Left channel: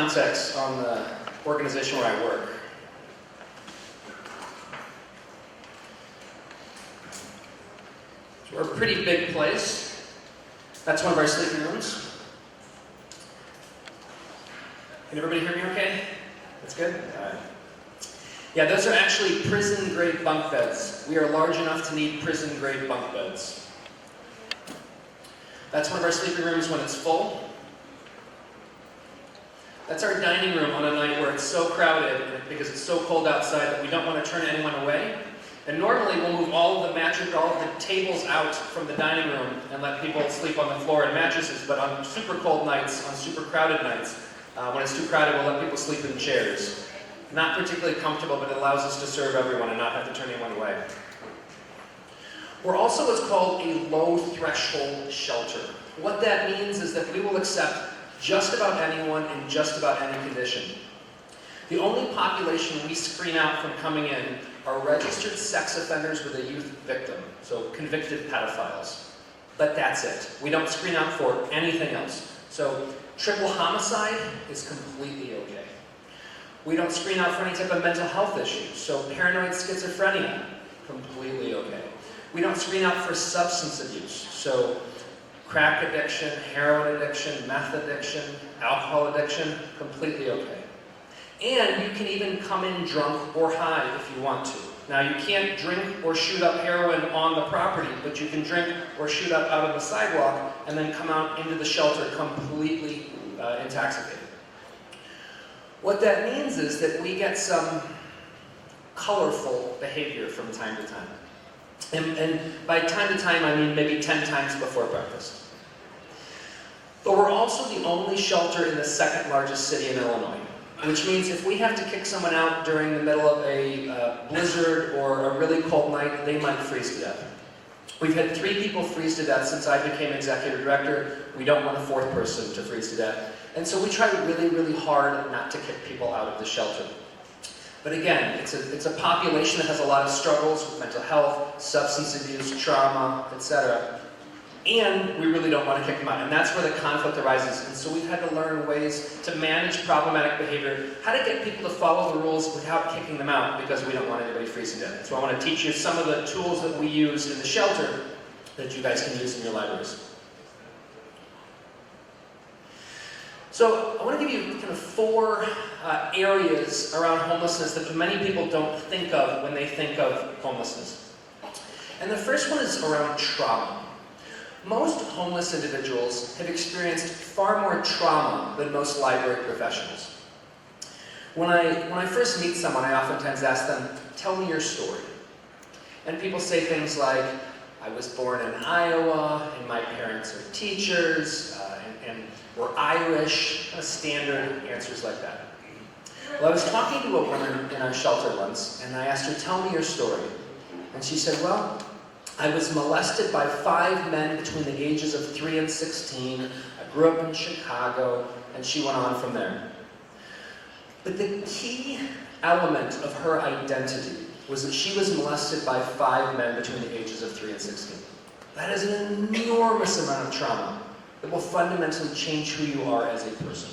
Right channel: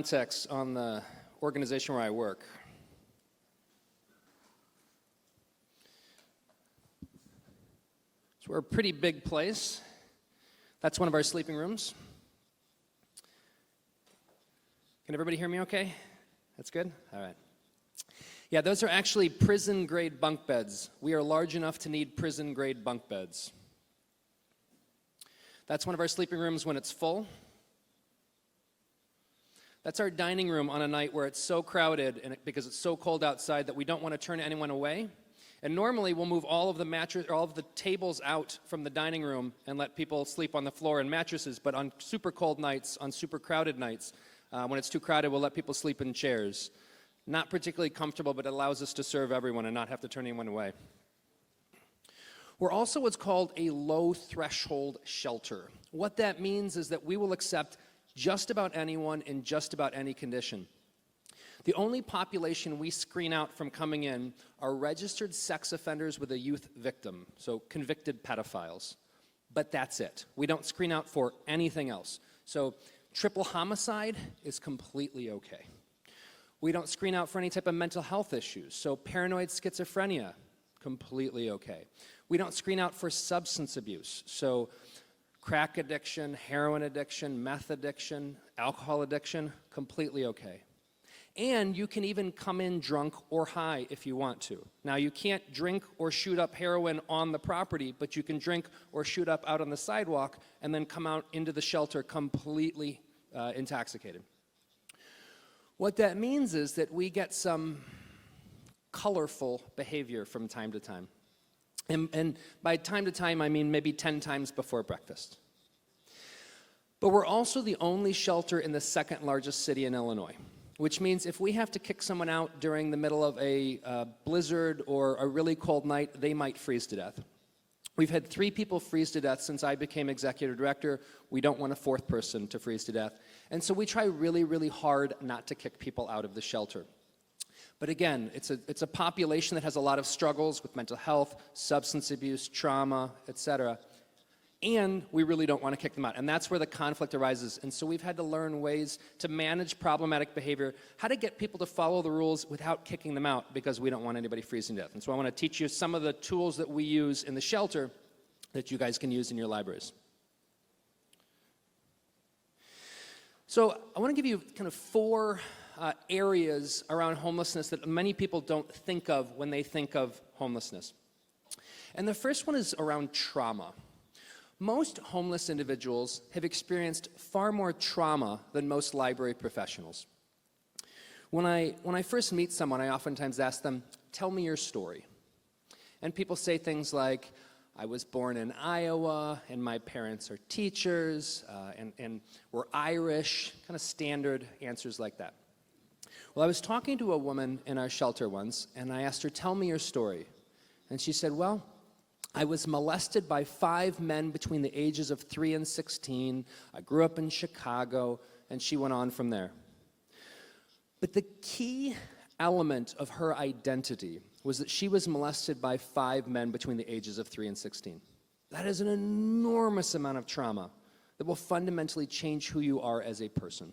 context on the organization where I work. So we're a pretty big place. That's one of our sleeping rooms. Can everybody hear me okay? That's good? All right. Yeah, those are actually prison-grade bunk beds. We are large enough to need prison-grade bunk beds. That's one of our sleeping rooms when it's full. That's our dining room on a night where it's so crowded because it's so cold outside that we don't want to turn anyone away. And normally we'll move all of the mattresses, all of the tables out from the dining room and let people sleep on the floor in mattresses. But on super cold nights, on super crowded nights, when it's too crowded, we'll let people sleep in chairs. Not particularly comfortable, but it allows us to serve everyone and not have to turn anyone away. We're also what's called a low-threshold shelter. What that means is that we will accept just about anyone in just about any condition. The only population we screen out from coming in are registered sex offenders with a youth victim, so convicted pedophiles. But that's it. We don't screen out for anything else. So triple homicide is completely okay. We don't screen out for any type of mental health issues, so paranoid schizophrenia, completely okay. We don't screen out for substance abuse, so crack addiction, heroin addiction, meth addiction, alcohol addiction, completely okay. And you can even come in drunk or high if you want to. Now you can't drink or shoot up heroin on the property, but you can drink or shoot up out on the sidewalk and then come out into the shelter completely intoxicated. What that means is that we get some colorful behavior from time to time. And by time to time, I mean maybe 10 times before breakfast. But we're also the only shelter in the second largest city in Illinois, which means if we have to kick someone out during the middle of a blizzard or a really cold night, they might freeze to death. We've had 3 people freeze to death since I became executive director. We don't want a 4th person to freeze to death. And so we try really, really hard not to kick people out of the shelter. But again, it's a population that has a lot of struggles with mental health, substance abuse, trauma, etc. And we really don't want to kick them out. And that's where the conflict arises. And so we've had to learn ways to manage problematic behavior, how to get people to follow the rules without kicking them out because we don't want anybody freezing to death. So I want to teach you some of the tools that we use in the shelter that you guys can use in your libraries. So I want to give you kind of 4 areas around homelessness that many people don't think of when they think of homelessness. And the first one is around trauma. Most homeless individuals have experienced far more trauma than most library professionals. When I first meet someone, I oftentimes ask them, tell me your story. And people say things like, I was born in Iowa, and my parents are teachers, and we're Irish, standard answers like that. Well, I was talking to a woman in our shelter once, and I asked her, tell me your story. And she said, well, I was molested by 5 men between the ages of 3 and 16. I grew up in Chicago, and she went on from there. But the key element of her identity was that she was molested by 5 men between the ages of 3 and 16. That is an enormous amount of trauma that will fundamentally change who you are as a person.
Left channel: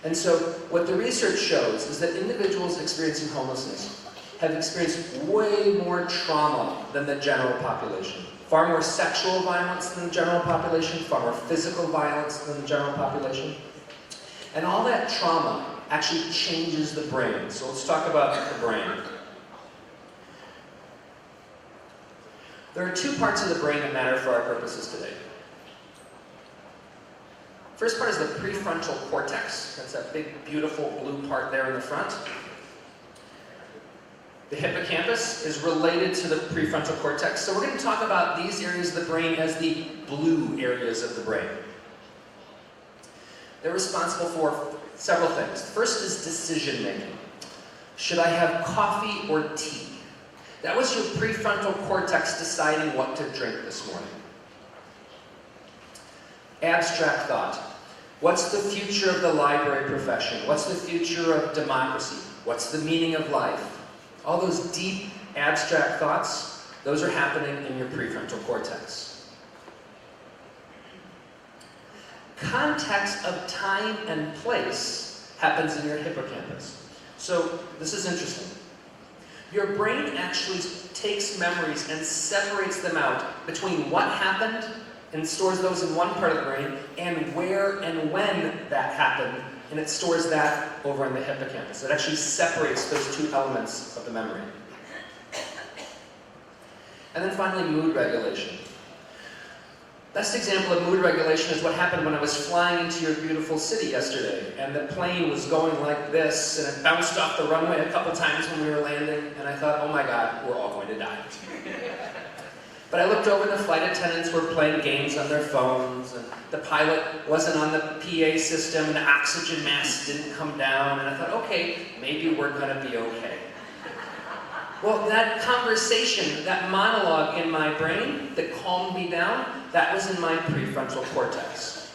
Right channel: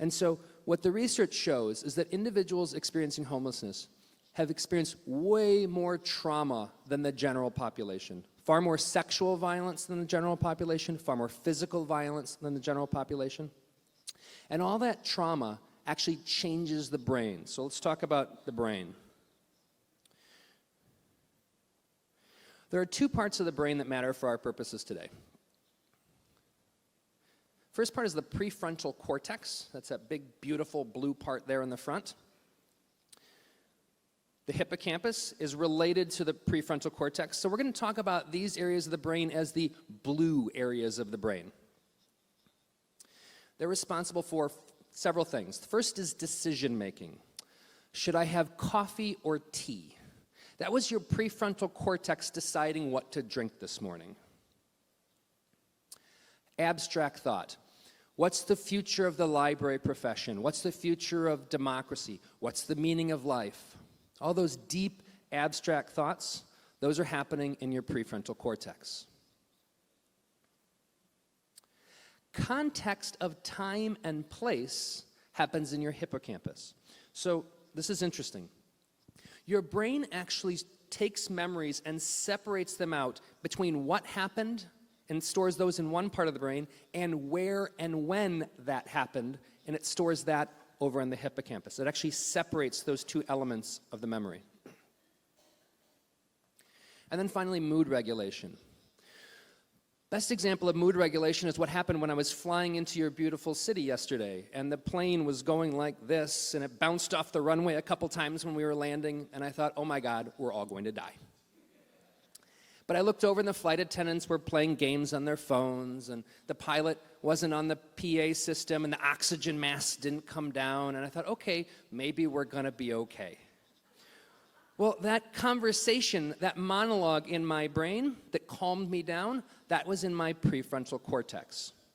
And so what the research shows is that individuals experiencing homelessness have experienced way more trauma than the general population. Far more sexual violence than the general population, far more physical violence than the general population. And all that trauma actually changes the brain. So let's talk about the brain. There are 2 parts of the brain that matter for our purposes today. First part is the prefrontal cortex. That's that big, beautiful blue part there in the front. The hippocampus is related to the prefrontal cortex. So we're going to talk about these areas of the brain as the blue areas of the brain. They're responsible for several things. First is decision making. Should I have coffee or tea? That was your prefrontal cortex deciding what to drink this morning. Abstract thought. What's the future of the library profession? What's the future of democracy? What's the meaning of life? All those deep, abstract thoughts, those are happening in your prefrontal cortex. context of time and place happens in your hippocampus. So this is interesting. Your brain actually takes memories and separates them out between what happened and stores those in one part of the brain and where and when that happened, and it stores that over in the hippocampus. It actually separates those two elements of the memory. And then finally, mood regulation. Best example of mood regulation is what happened when I was flying into your beautiful city yesterday, and the plane was going like this, and it bounced off the runway a couple times when we were landing, and I thought, oh my God, we're all going to die. But I looked over, the flight attendants were playing games on their phones, and the pilot wasn't on the PA system, the oxygen mask didn't come down, and I thought, okay, maybe we're going to be okay. Well, that conversation, that monologue in my brain that calmed me down, that was in my prefrontal cortex.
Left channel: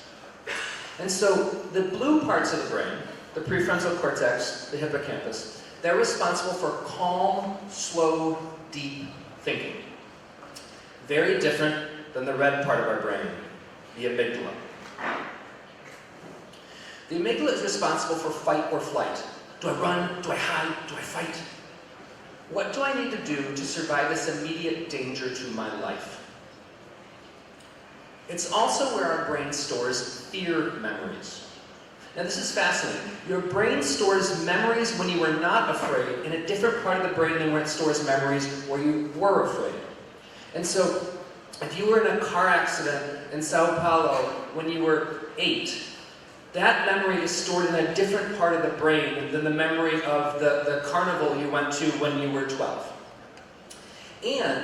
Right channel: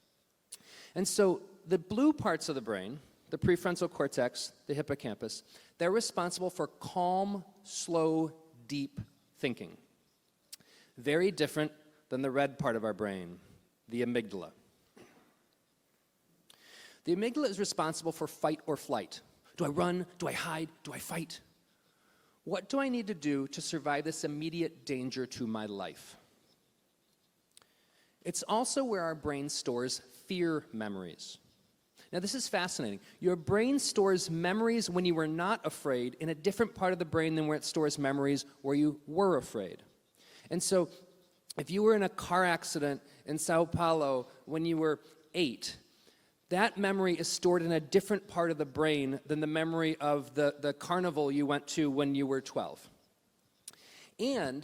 And so the blue parts of the brain, the prefrontal cortex, the hippocampus, they're responsible for calm, slow, deep thinking. Very different than the red part of our brain, the amygdala. The amygdala is responsible for fight or flight. Do I run? Do I hide? Do I fight? What do I need to do to survive this immediate danger to my life? It's also where our brain stores fear memories. Now this is fascinating. Your brain stores memories when you were not afraid in a different part of the brain than where it stores memories where you were afraid. And so, if you were in a car accident in Sao Paulo when you were 8, that memory is stored in a different part of the brain than the memory of the carnival you went to when you were 12. And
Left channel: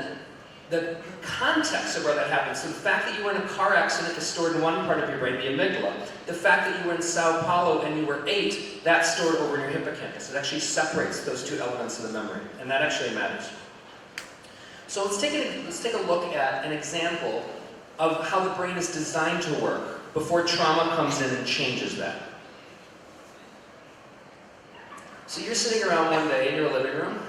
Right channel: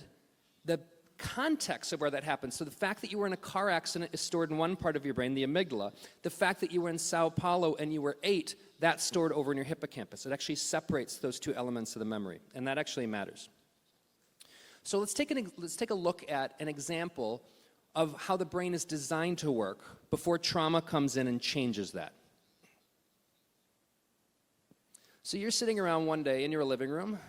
the context of where that happens, so the fact that you were in a car accident is stored in one part of your brain, the amygdala. The fact that you were in Sao Paulo and you were 8, that's stored over in your hippocampus. It actually separates those two elements of the memory, and that actually matters. So let's take a look at an example of how the brain is designed to work before trauma comes in and changes that. So you're sitting around one day in your living room,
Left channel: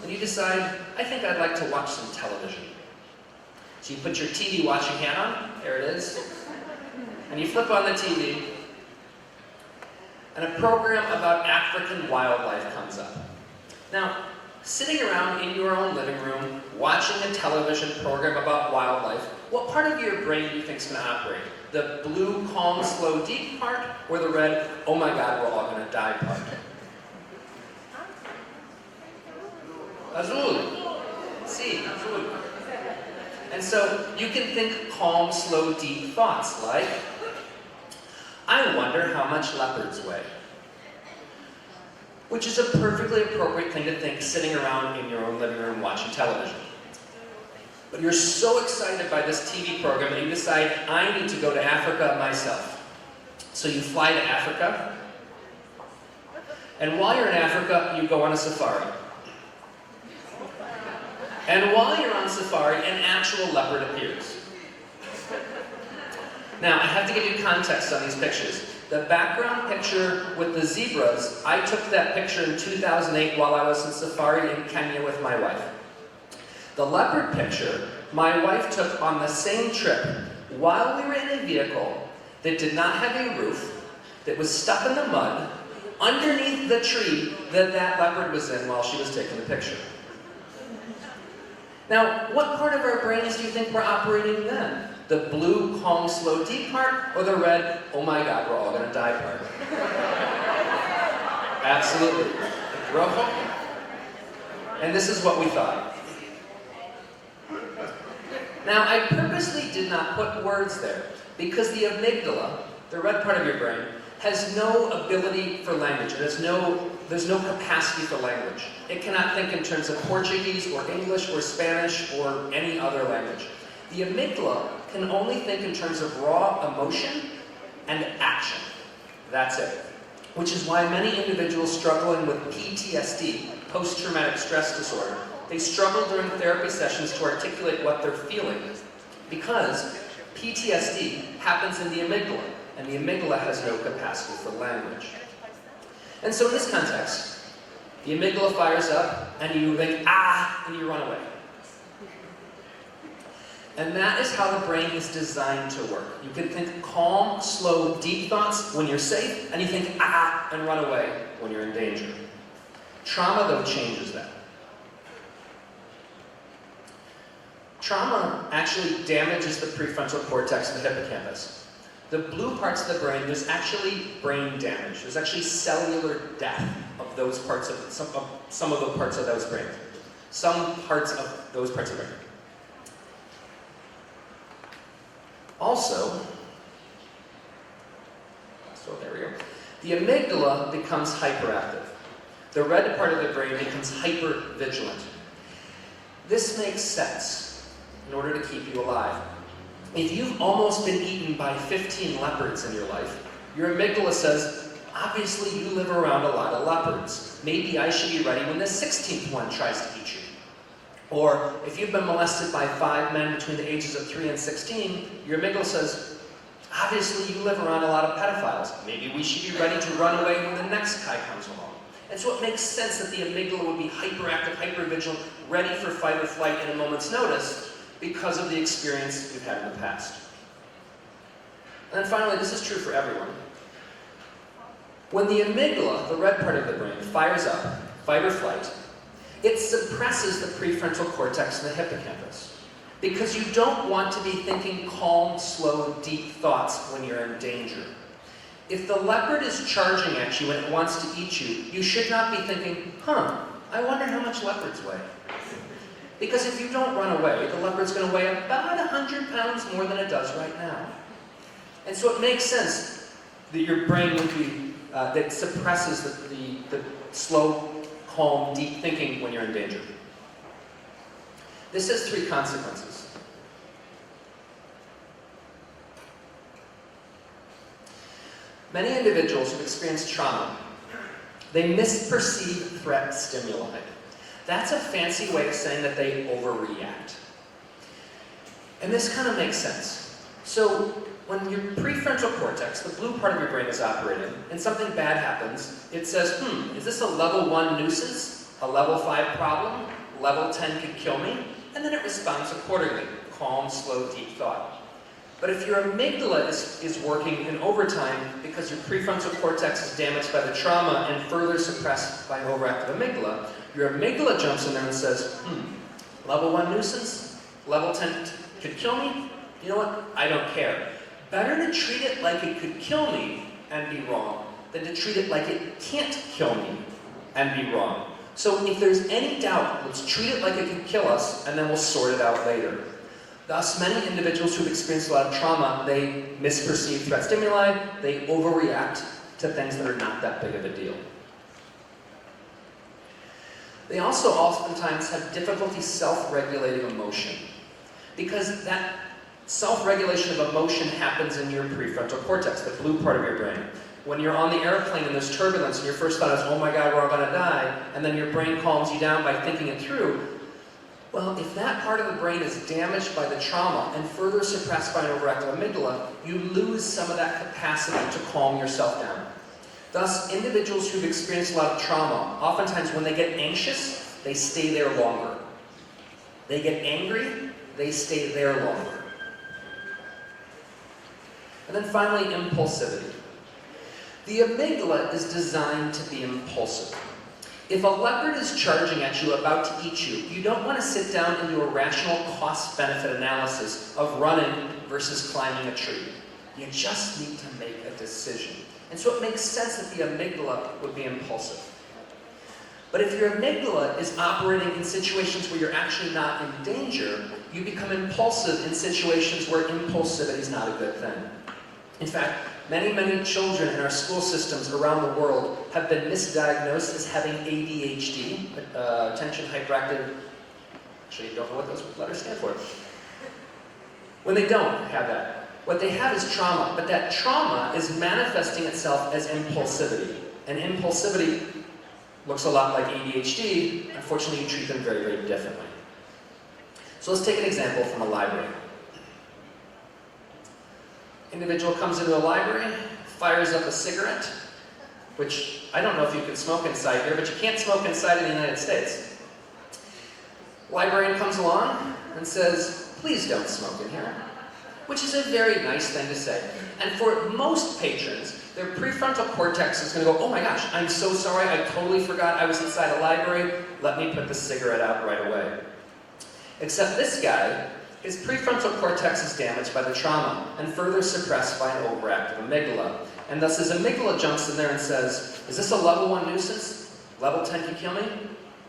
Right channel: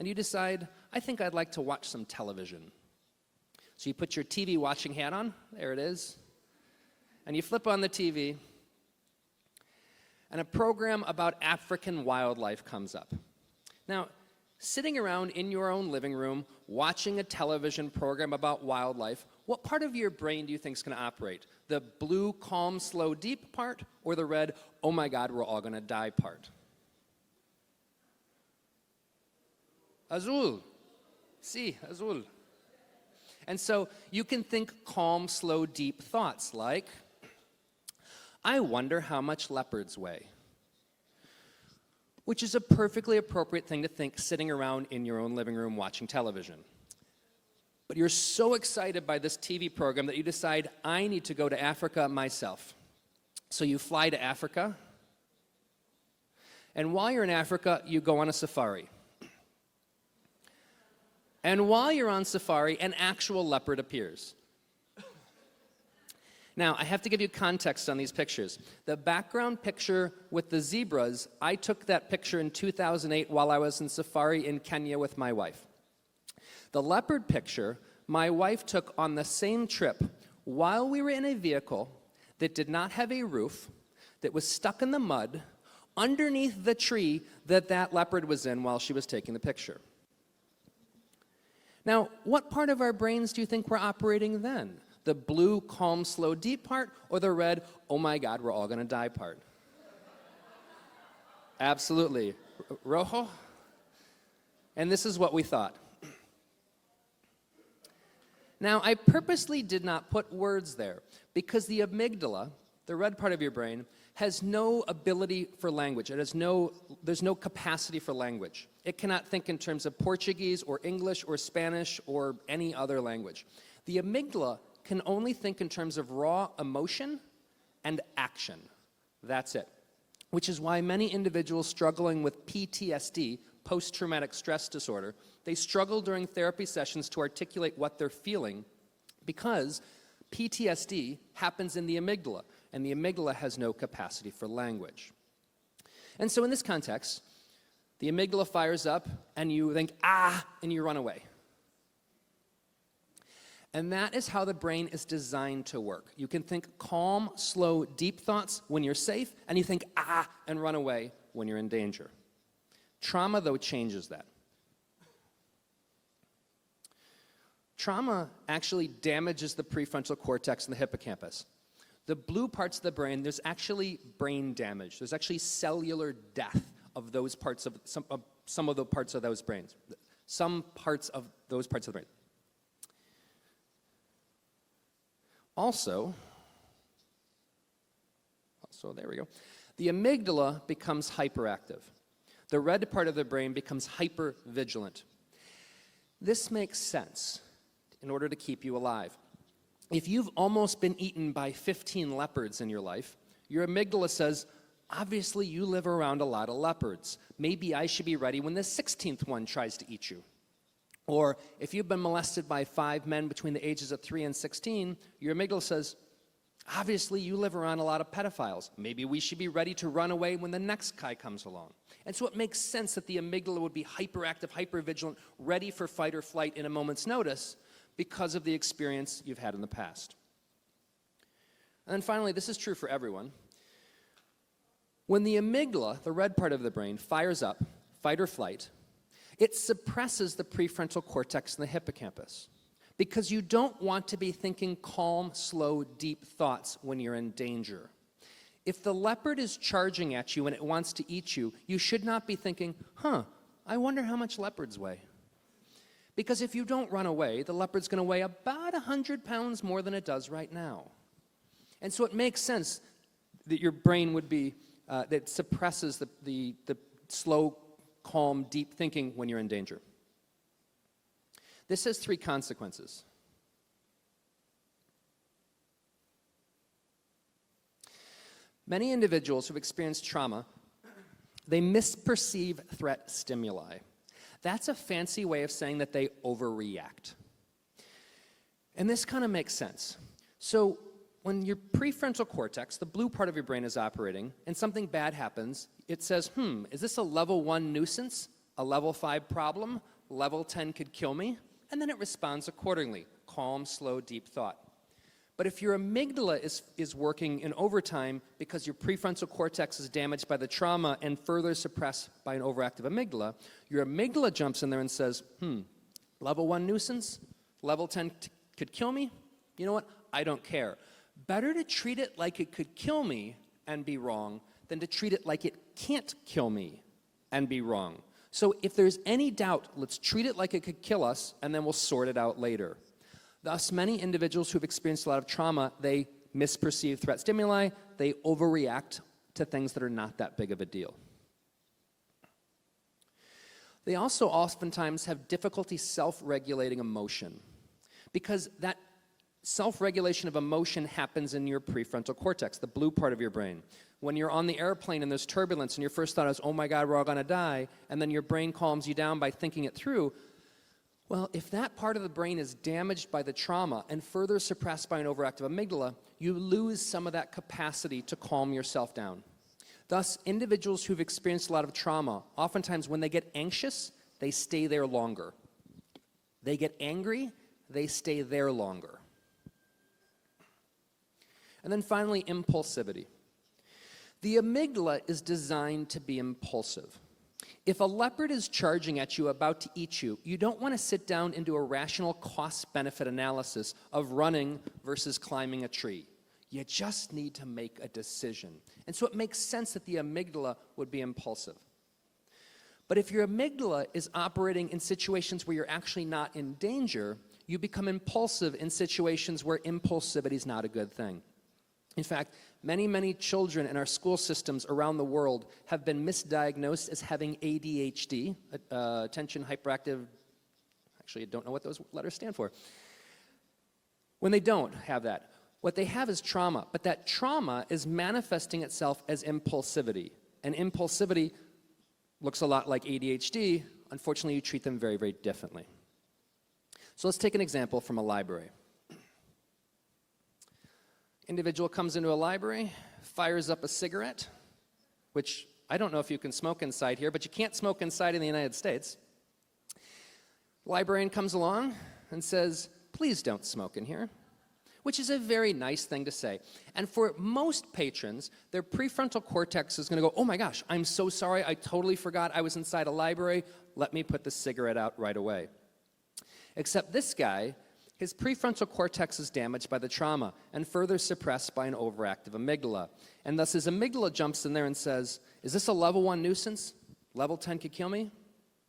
and you decide, I think I'd like to watch some television. So you put your TV watching hat on, there it is, and you flip on the TV, and a program about African wildlife comes up. Now, sitting around in your own living room, watching a television program about wildlife, what part of your brain do you think is going to operate? The blue, calm, slow, deep part, or the red, oh my God, we're all going to die part? Azul. See, azul. And so you can think calm, slow, deep thoughts like, I wonder how much leopards weigh. Which is a perfectly appropriate thing to think sitting around in your own living room watching television. But you're so excited by this TV program that you decide, I need to go to Africa myself. So you fly to Africa, and while you're in Africa, you go on a safari. And while you're on safari, an actual leopard appears. Now, I have to give you context on these pictures. The background picture with the zebras, I took that picture in 2008 while I was on safari in Kenya with my wife. The leopard picture, my wife took on the same trip while we were in a vehicle that did not have a roof, that was stuck in the mud, underneath the tree that leopard was in while she was taking the picture. Now, what part of our brains do you think we're operating then? The blue, calm, slow, deep part, or the red, oh my God, we're all going to die part? Absolutely. Rojo? And this is what we thought. Now, I purposely did not put words there, because the amygdala, the red part of your brain, has no ability for language. There's no capacity for language. It cannot think in terms of Portuguese or English or Spanish or any other language. The amygdala can only think in terms of raw emotion and action. That's it. Which is why many individuals struggling with PTSD, post-traumatic stress disorder, they struggle during therapy sessions to articulate what they're feeling, because PTSD happens in the amygdala, and the amygdala has no capacity for language. And so in this context, the amygdala fires up, and you think, ah, and you run away. And that is how the brain is designed to work. You can think calm, slow, deep thoughts when you're safe, and you think, and run away when you're in danger. Trauma, though, changes that. Trauma actually damages the prefrontal cortex and hippocampus. The blue parts of the brain, there's actually brain damage. There's actually cellular death of those parts of some of the parts of those brains. Some parts of those parts of the brain. Also, so there we go. The amygdala becomes hyperactive. The red part of the brain becomes hypervigilant. This makes sense in order to keep you alive. If you've almost been eaten by 15 leopards in your life, your amygdala says, obviously you live around a lot of leopards. Maybe I should be ready when the 16th one tries to eat you. Or if you've been molested by 5 men between the ages of 3 and 16, your amygdala says, obviously you live around a lot of pedophiles. Maybe we should be ready to run away when the next guy comes along. And so it makes sense that the amygdala would be hyperactive, hypervigilant, ready for fight or flight at a moment's notice because of the experience you've had in the past. And then finally, this is true for everyone. When the amygdala, the red part of the brain, fires up, fight or flight, it suppresses the prefrontal cortex and the hippocampus. Because you don't want to be thinking calm, slow, deep thoughts when you're in danger. If the leopard is charging at you and it wants to eat you, you should not be thinking, I wonder how much leopards weigh. Because if you don't run away, the leopard's going to weigh about 100 pounds more than it does right now. And so it makes sense that your brain would be, that suppresses the slow, calm, deep thinking when you're in danger. This has 3 consequences. Many individuals who experience trauma, they misperceive threat stimuli. That's a fancy way of saying that they overreact. And this kind of makes sense. So when your prefrontal cortex, the blue part of your brain, is operating, and something bad happens, it says, is this a level 1 nuisance, a level 5 problem, level 10 could kill me? And then it responds accordingly, calm, slow, deep thought. But if your amygdala is working in overtime because your prefrontal cortex is damaged by the trauma and further suppressed by an overactive amygdala, your amygdala jumps in there and says, level 1 nuisance, level 10 could kill me? You know what? I don't care. Better to treat it like it could kill me and be wrong than to treat it like it can't kill me and be wrong. So if there's any doubt, let's treat it like it can kill us, and then we'll sort it out later. Thus, many individuals who've experienced a lot of trauma, they misperceive threat stimuli, they overreact to things that are not that big of a deal. They also oftentimes have difficulty self-regulating emotion, because that self-regulation of emotion happens in your prefrontal cortex, the blue part of your brain. When you're on the airplane and there's turbulence and your first thought is, oh my God, we're all going to die, and then your brain calms you down by thinking it through, well, if that part of the brain is damaged by the trauma and further suppressed by an overactive amygdala, you lose some of that capacity to calm yourself down. Thus, individuals who've experienced a lot of trauma, oftentimes when they get anxious, they stay there longer. They get angry, they stay there longer. And then finally, impulsivity. The amygdala is designed to be impulsive. If a leopard is charging at you, about to eat you, you don't want to sit down and do a rational cost-benefit analysis of running versus climbing a tree. You just need to make a decision. And so it makes sense that the amygdala would be impulsive. But if your amygdala is operating in situations where you're actually not in danger, you become impulsive in situations where impulsivity is not a good thing. In fact, many children in our school systems around the world have been misdiagnosed as having ADHD, attention hyperactive, actually don't know what those letters stand for, when they don't have that. What they have is trauma, but that trauma is manifesting itself as impulsivity. And impulsivity looks a lot like ADHD. Unfortunately, you treat them very, very differently. So let's take an example from a library. Individual comes into a library, fires up a cigarette, which I don't know if you can smoke inside here, but you can't smoke inside in the United States. Librarian comes along and says, please don't smoke in here, which is a very nice thing to say. And for most patrons, their prefrontal cortex is going to go, oh my gosh, I'm so sorry, I totally forgot I was inside the library, let me put the cigarette out right away. Except this guy, his prefrontal cortex is damaged by the trauma and further suppressed by an overactive amygdala. And thus his amygdala jumps in there and says, is this a level 1 nuisance? Level 10 can kill me?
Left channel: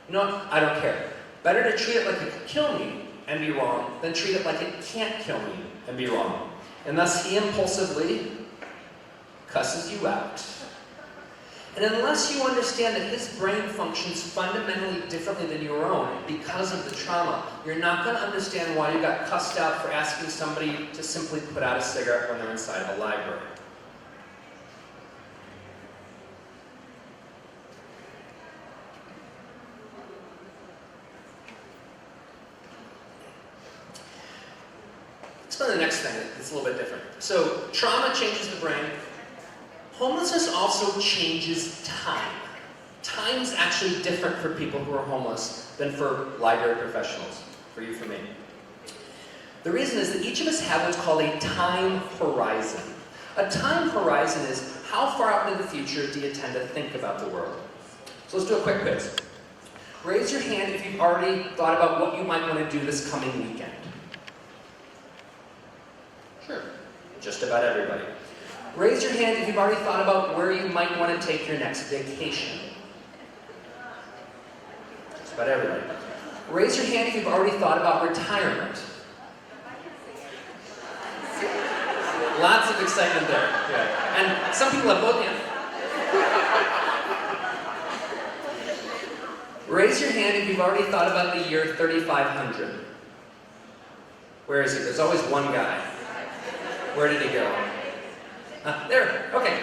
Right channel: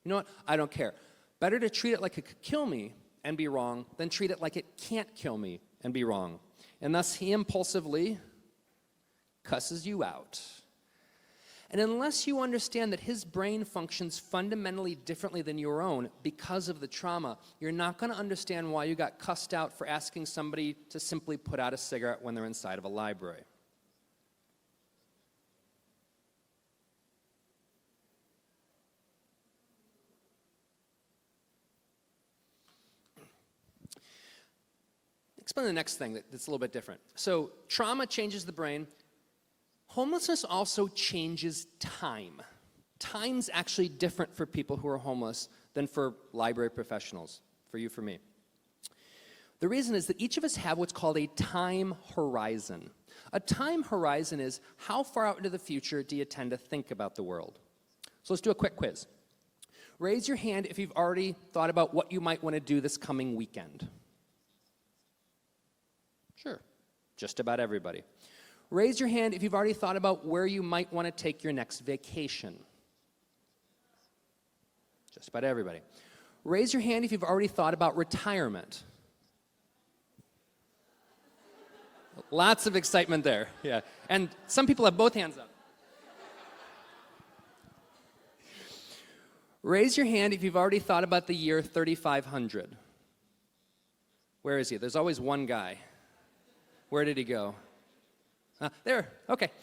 No, I don't care. Better to treat it like it can kill me and be wrong than treat it like it can't kill me and be wrong. And thus he impulsively cusses you out. And unless you understand that his brain functions fundamentally differently than your own because of the trauma, you're not going to understand why you got cussed out for asking somebody to simply put out a cigarette when they're inside the library. Let's go to the next thing that's a little bit different. So, trauma changes the brain. Homelessness also changes time. Time's actually different for people who are homeless than for library professionals, for you, for me. The reason is that each of us have what's called a time horizon. A time horizon is how far out in the future do you tend to think about the world? So let's do a quick quiz. Raise your hand if you've already thought about what you might want to do this coming weekend. Sure, just about everybody. Raise your hand if you've already thought about where you might want to take your next vacation. Just about everybody. Raise your hand if you've already thought about retirement. Lots of excitement there. Yeah. And some people have both hands. Raise your hand if you've already thought about the year 3500. Where is it? There's always one guy. Where did he go? There, okay.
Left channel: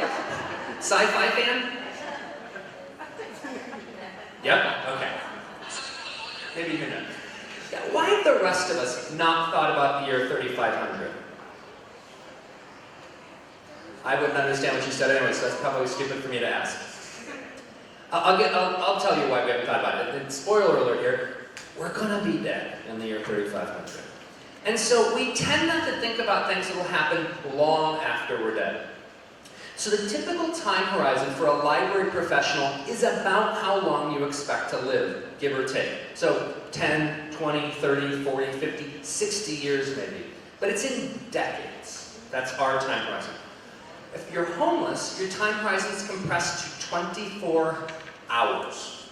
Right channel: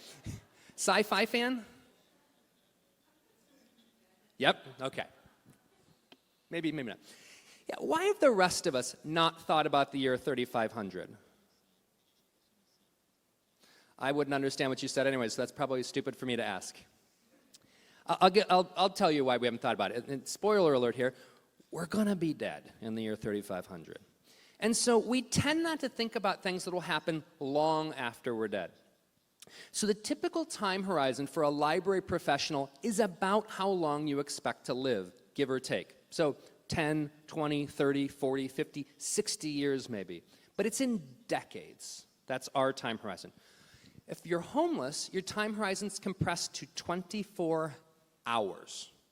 Sci-fi fan? Yep, okay. Maybe you're not. Yeah, why have the rest of us not thought about the year 3500? I wouldn't understand what you said anyway, so that's probably stupid for me to ask. I'll tell you why we haven't thought about it. And spoiler alert here, we're going to be dead in the year 3500. And so we tend not to think about things that will happen long after we're dead. So the typical time horizon for a library professional is about how long you expect to live, give or take. So 10, 20, 30, 40, 50, 60 years maybe. But it's in decades. That's our time horizon. If you're homeless, your time horizon is compressed to 24 hours.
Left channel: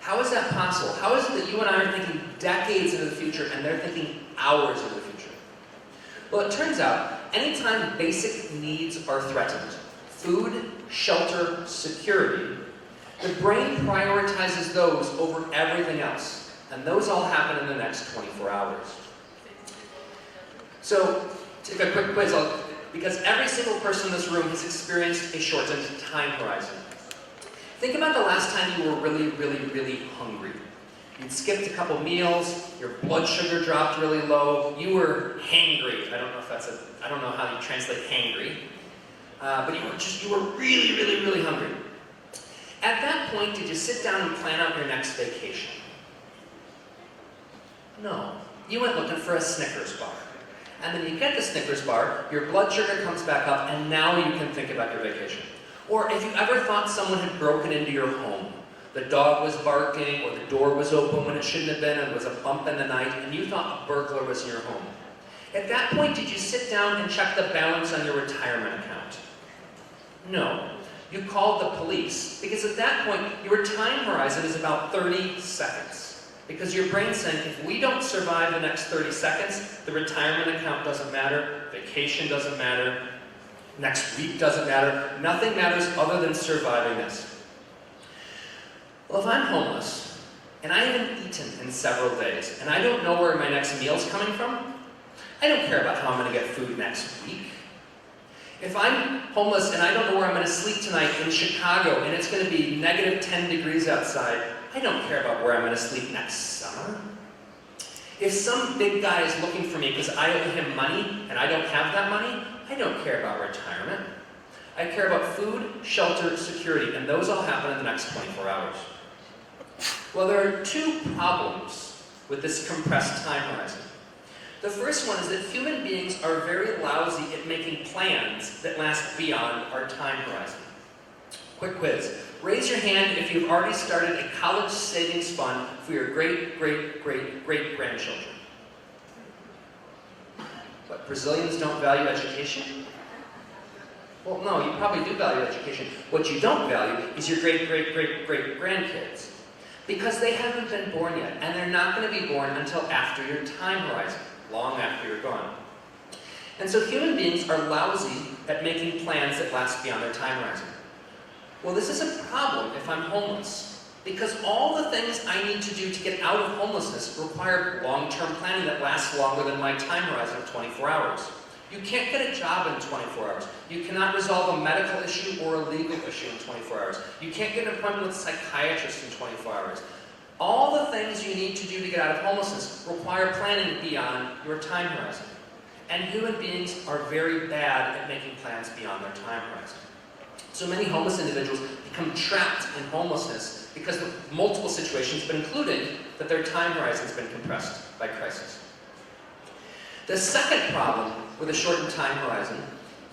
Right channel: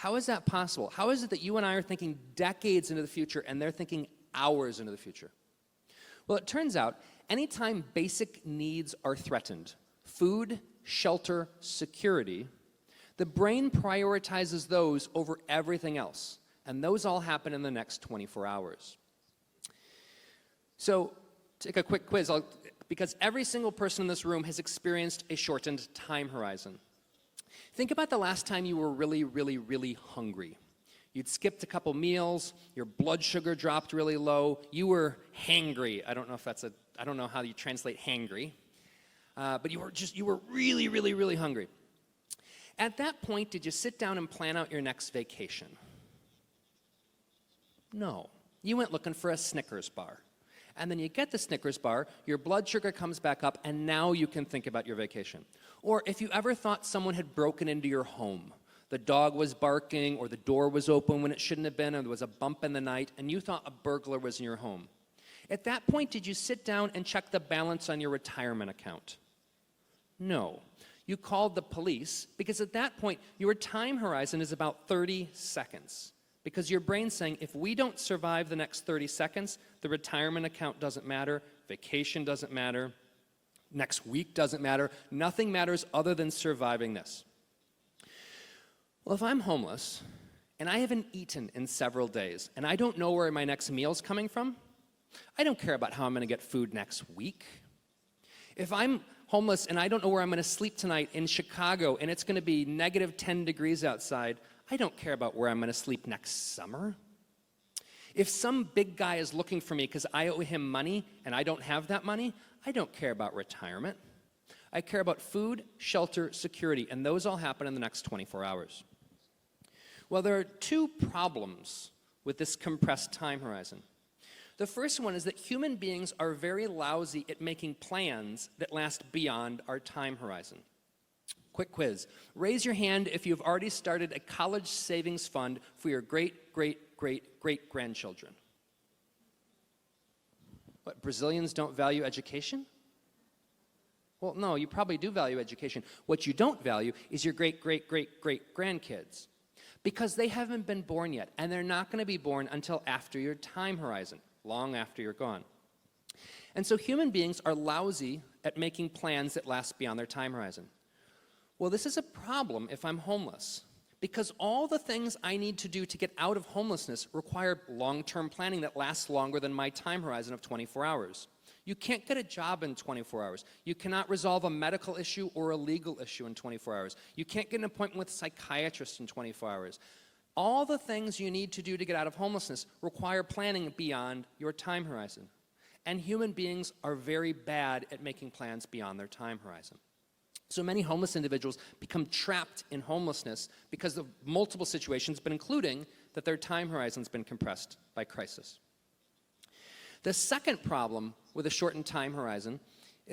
How is that possible? How is it that you and I are thinking decades into the future and they're thinking hours in the future? Well, it turns out, anytime basic needs are threatened, food, shelter, security, the brain prioritizes those over everything else. And those all happen in the next 24 hours. So, take a quick quiz, because every single person in this room has experienced a shortened time horizon. Think about the last time you were really, really, really hungry. You'd skipped a couple meals, your blood sugar dropped really low, you were hangry. I don't know how you translate hangry. But you were really, really, really hungry. At that point, did you sit down and plan out your next vacation? No. You went looking for a Snickers bar. And then you get the Snickers bar, your blood sugar comes back up, and now you can think about your vacation. Or if you ever thought someone had broken into your home, the dog was barking, or the door was open when it shouldn't have been, and there was a bump in the night, and you thought a burglar was in your home. At that point, did you sit down and check the balance on your retirement account? No. You called the police, because at that point, your time horizon is about 30 seconds. Because your brain's saying, if we don't survive the next 30 seconds, the retirement account doesn't matter, vacation doesn't matter, next week doesn't matter, nothing matters other than surviving this. Well, if I'm homeless, and I haven't eaten in several days, and I don't know where my next meal's coming from, I don't care about how I'm going to get food next week. If I'm homeless and I don't know where I'm going to sleep tonight in Chicago, and it's going to be negative 10 degrees outside, I don't care about where I'm going to sleep next summer. If some big guy is looking for me because I owe him money and I don't have that money, I don't care about retirement. I care about food, shelter, security, and those all happen in the next 24 hours. Well, there are two problems with this compressed time horizon. The first one is that human beings are very lousy at making plans that last beyond our time horizon. Quick quiz. Raise your hand if you've already started a college savings fund for your great-great-great-great-grandchildren. But Brazilians don't value education? Well, no, you probably do value education. What you don't value is your great-great-great-great-grandkids. Because they haven't been born yet, and they're not going to be born until after your time horizon, long after you're gone. And so human beings are lousy at making plans that last beyond their time horizon. Well, this is a problem if I'm homeless, because all the things I need to do to get out of homelessness require long-term planning that lasts longer than my time horizon of 24 hours. You can't get a job in 24 hours. You cannot resolve a medical issue or a legal issue in 24 hours. You can't get an appointment with a psychiatrist in 24 hours. All the things you need to do to get out of homelessness require planning beyond your time horizon. And human beings are very bad at making plans beyond their time horizon. So many homeless individuals become trapped in homelessness because of multiple situations, but including that their time horizon has been compressed by crisis. The second problem with a shortened time horizon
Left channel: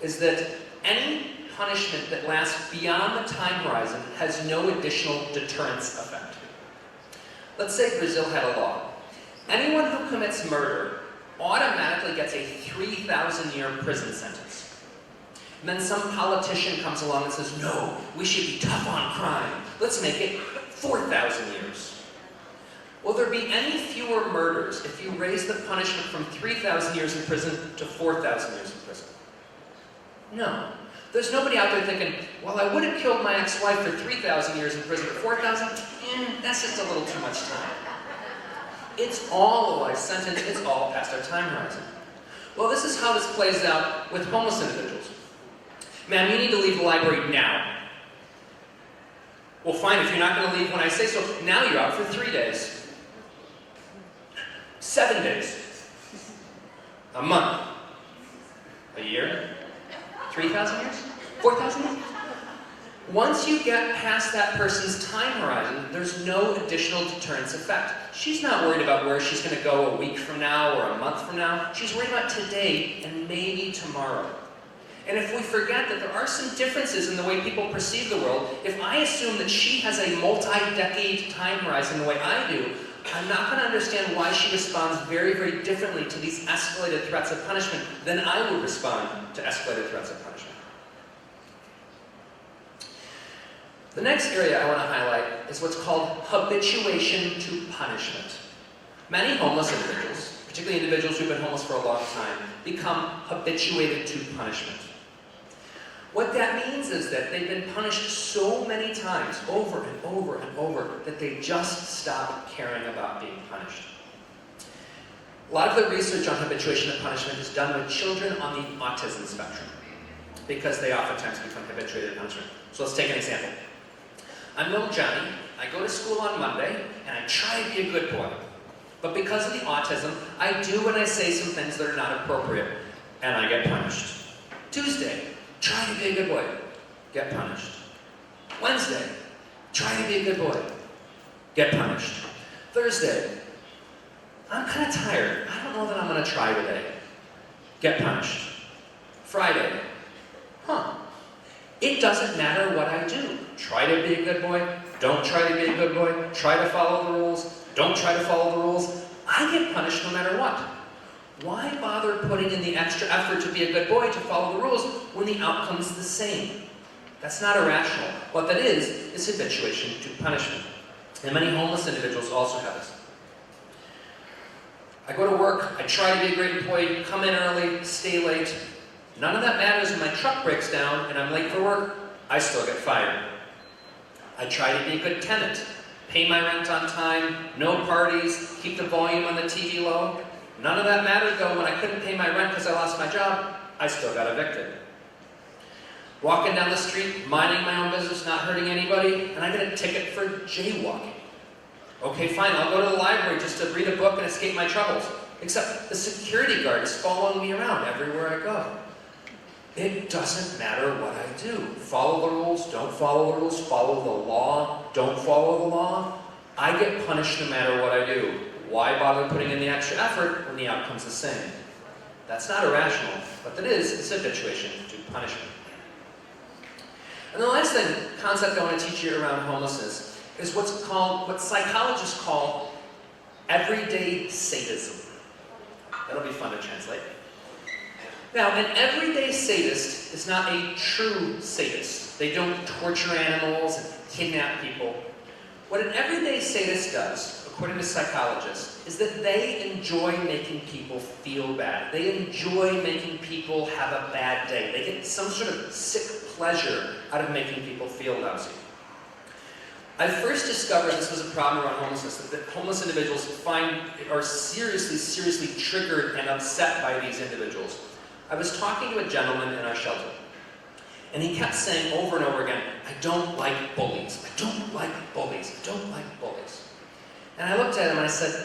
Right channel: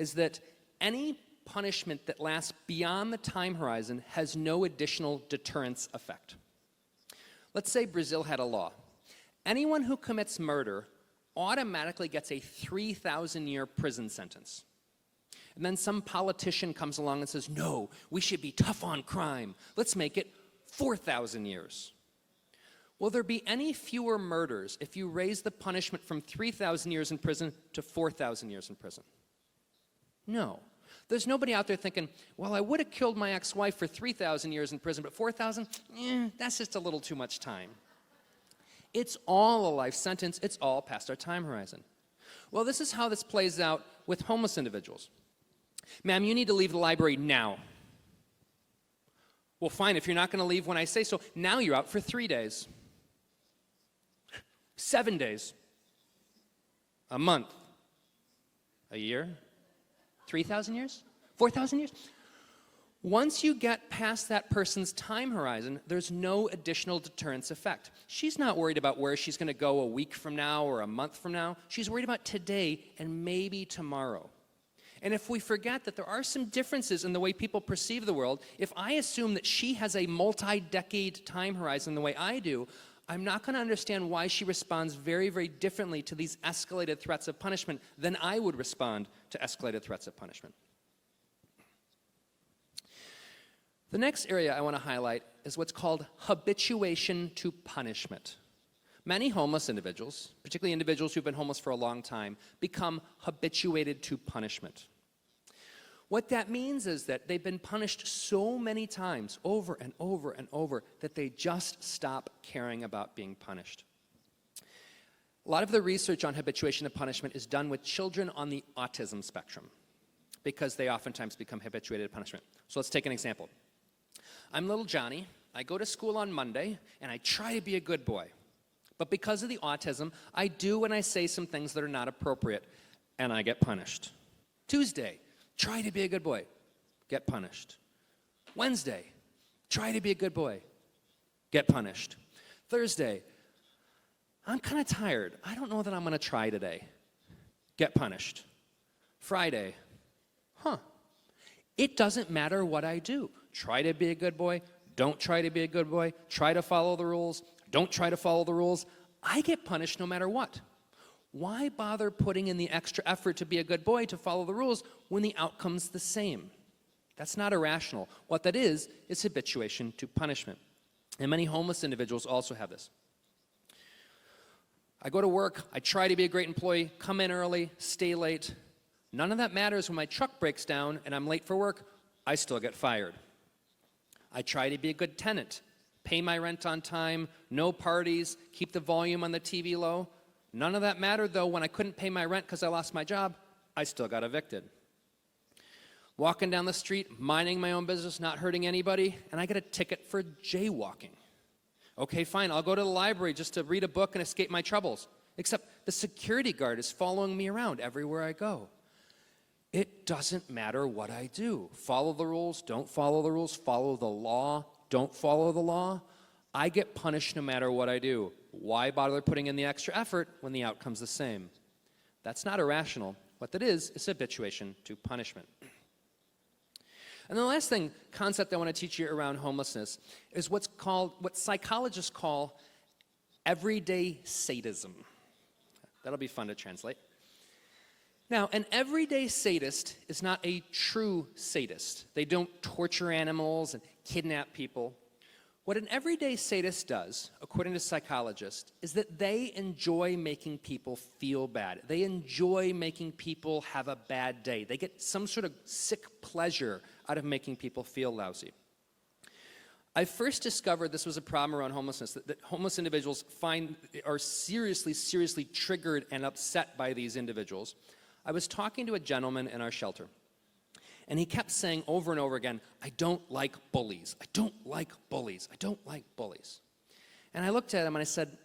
is that any punishment that lasts beyond the time horizon has no additional deterrence effect. Let's say Brazil had a law. Anyone who commits murder automatically gets a 3,000-year prison sentence. And then some politician comes along and says, no, we should be tough on crime. Let's make it 4,000 years. Will there be any fewer murders if you raise the punishment from 3,000 years in prison to 4,000 years in prison? No. There's nobody out there thinking, well, I would have killed my ex-wife for 3,000 years in prison, but 4,000? That's just a little too much time. It's all a life sentence. It's all past our time horizon. Well, this is how this plays out with homeless individuals. Man, we need to leave the library now. Well, fine, if you're not going to leave when I say so, now you're out for 3 days. 7 days. A month. A year. 3,000 years? 4,000 years? Once you get past that person's time horizon, there's no additional deterrence effect. She's not worried about where she's going to go a week from now or a month from now. She's worried about today and maybe tomorrow. And if we forget that there are some differences in the way people perceive the world, if I assume that she has a multi-decade time horizon the way I do, I'm not going to understand why she responds very, very differently to these escalated threats of punishment than I will respond to escalated threats of punishment. The next area I want to highlight is what's called habituation to punishment. Many homeless individuals, particularly individuals who have been homeless for a long time, become habituated to punishment. What that means is that they've been punished so many times, over and over and over, that they just stop caring about being punished. A lot of the research on habituation to punishment is done with children on the autism spectrum, because they oftentimes become habituated to punishment. So let's take an example. I'm little Johnny. I go to school on Monday, and I try to be a good boy. But because of the autism, I do and I say some things that are not appropriate, and I get punished. Tuesday, try to be a good boy, get punished. Wednesday, try to be a good boy, get punished. Thursday, I'm kind of tired. I don't know that I'm going to try today, get punished. Friday, it doesn't matter what I do. Try to be a good boy, don't try to be a good boy, try to follow the rules, don't try to follow the rules. I get punished no matter what. Why bother putting in the extra effort to be a good boy to follow the rules when the outcome's the same? That's not irrational. What that is habituation to punishment. And many homeless individuals also have this. I go to work, I try to be a great employee, come in early, stay late. None of that matters when my truck breaks down and I'm late for work, I still get fired. I try to be a good tenant, pay my rent on time, no parties, keep the volume on the TV low. None of that mattered though when I couldn't pay my rent because I lost my job, I still got evicted. Walking down the street, minding my own business, not hurting anybody, and I get a ticket for jaywalking. Okay, fine, I'll go to the library just to read a book and escape my troubles. Except the security guards following me around everywhere I go. It doesn't matter what I do. Follow the rules, don't follow the rules, follow the law, don't follow the law. I get punished no matter what I do. why bother putting in the extra effort when the outcome's the same? That's not irrational, but that is its habituation to punishment. And the last concept I want to teach you around homelessness is what psychologists call everyday sadism. That'll be fun to translate. Now, an everyday sadist is not a true sadist. They don't torture animals and kidnap people. What an everyday sadist does, according to psychologists, is that they enjoy making people feel bad. They enjoy making people have a bad day. They get some sort of sick pleasure out of making people feel lousy. I first discovered this was a problem around homelessness, that homeless individuals are seriously triggered and upset by these individuals. I was talking to a gentleman in our shelter, and he kept saying over and over again, I don't like bullies. I don't like bullies. I don't like bullies. And I looked at him and I said,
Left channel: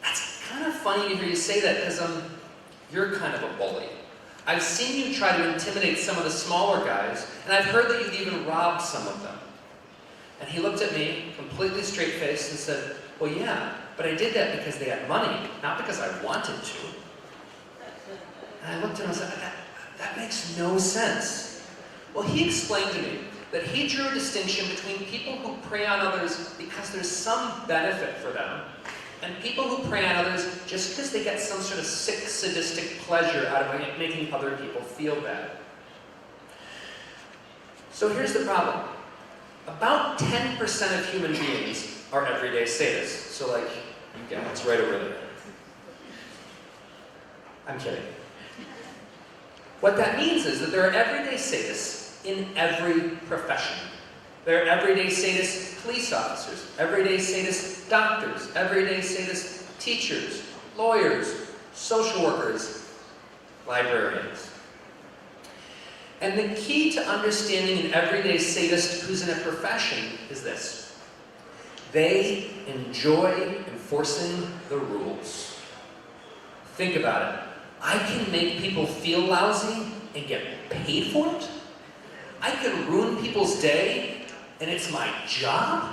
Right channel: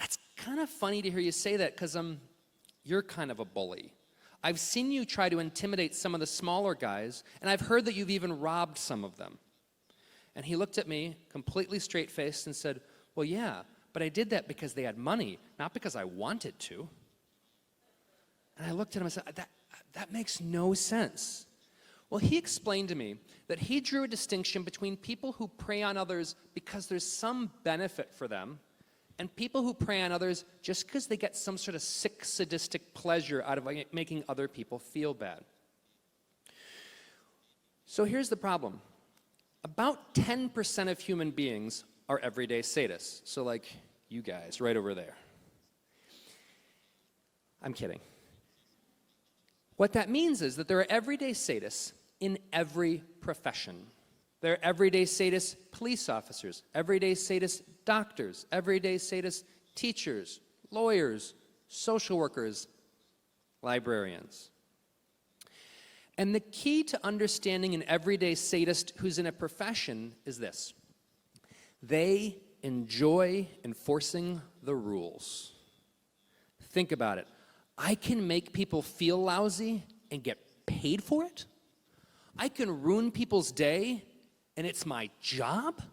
that's kind of funny to hear you say that because you're kind of a bully. I've seen you try to intimidate some of the smaller guys, and I've heard that you've even robbed some of them. And he looked at me, completely straight-faced, and said, well, yeah, but I did that because they had money, not because I wanted to. And I looked at him and said, that makes no sense. Well, he explained to me that he drew a distinction between people who prey on others because there's some benefit for them, and people who prey on others just because they get some sort of sick, sadistic pleasure out of making other people feel bad. So here's the problem. About 10% of human beings are everyday sadists. So like, you guys right over there. I'm kidding. What that means is that there are everyday sadists in every profession. There are everyday sadist police officers, everyday sadist doctors, everyday sadist teachers, lawyers, social workers, librarians. And the key to understanding an everyday sadist who's in a profession is this. They enjoy enforcing the rules. Think about it. I can make people feel lousy and get paid for it? I can ruin people's day and it's my job?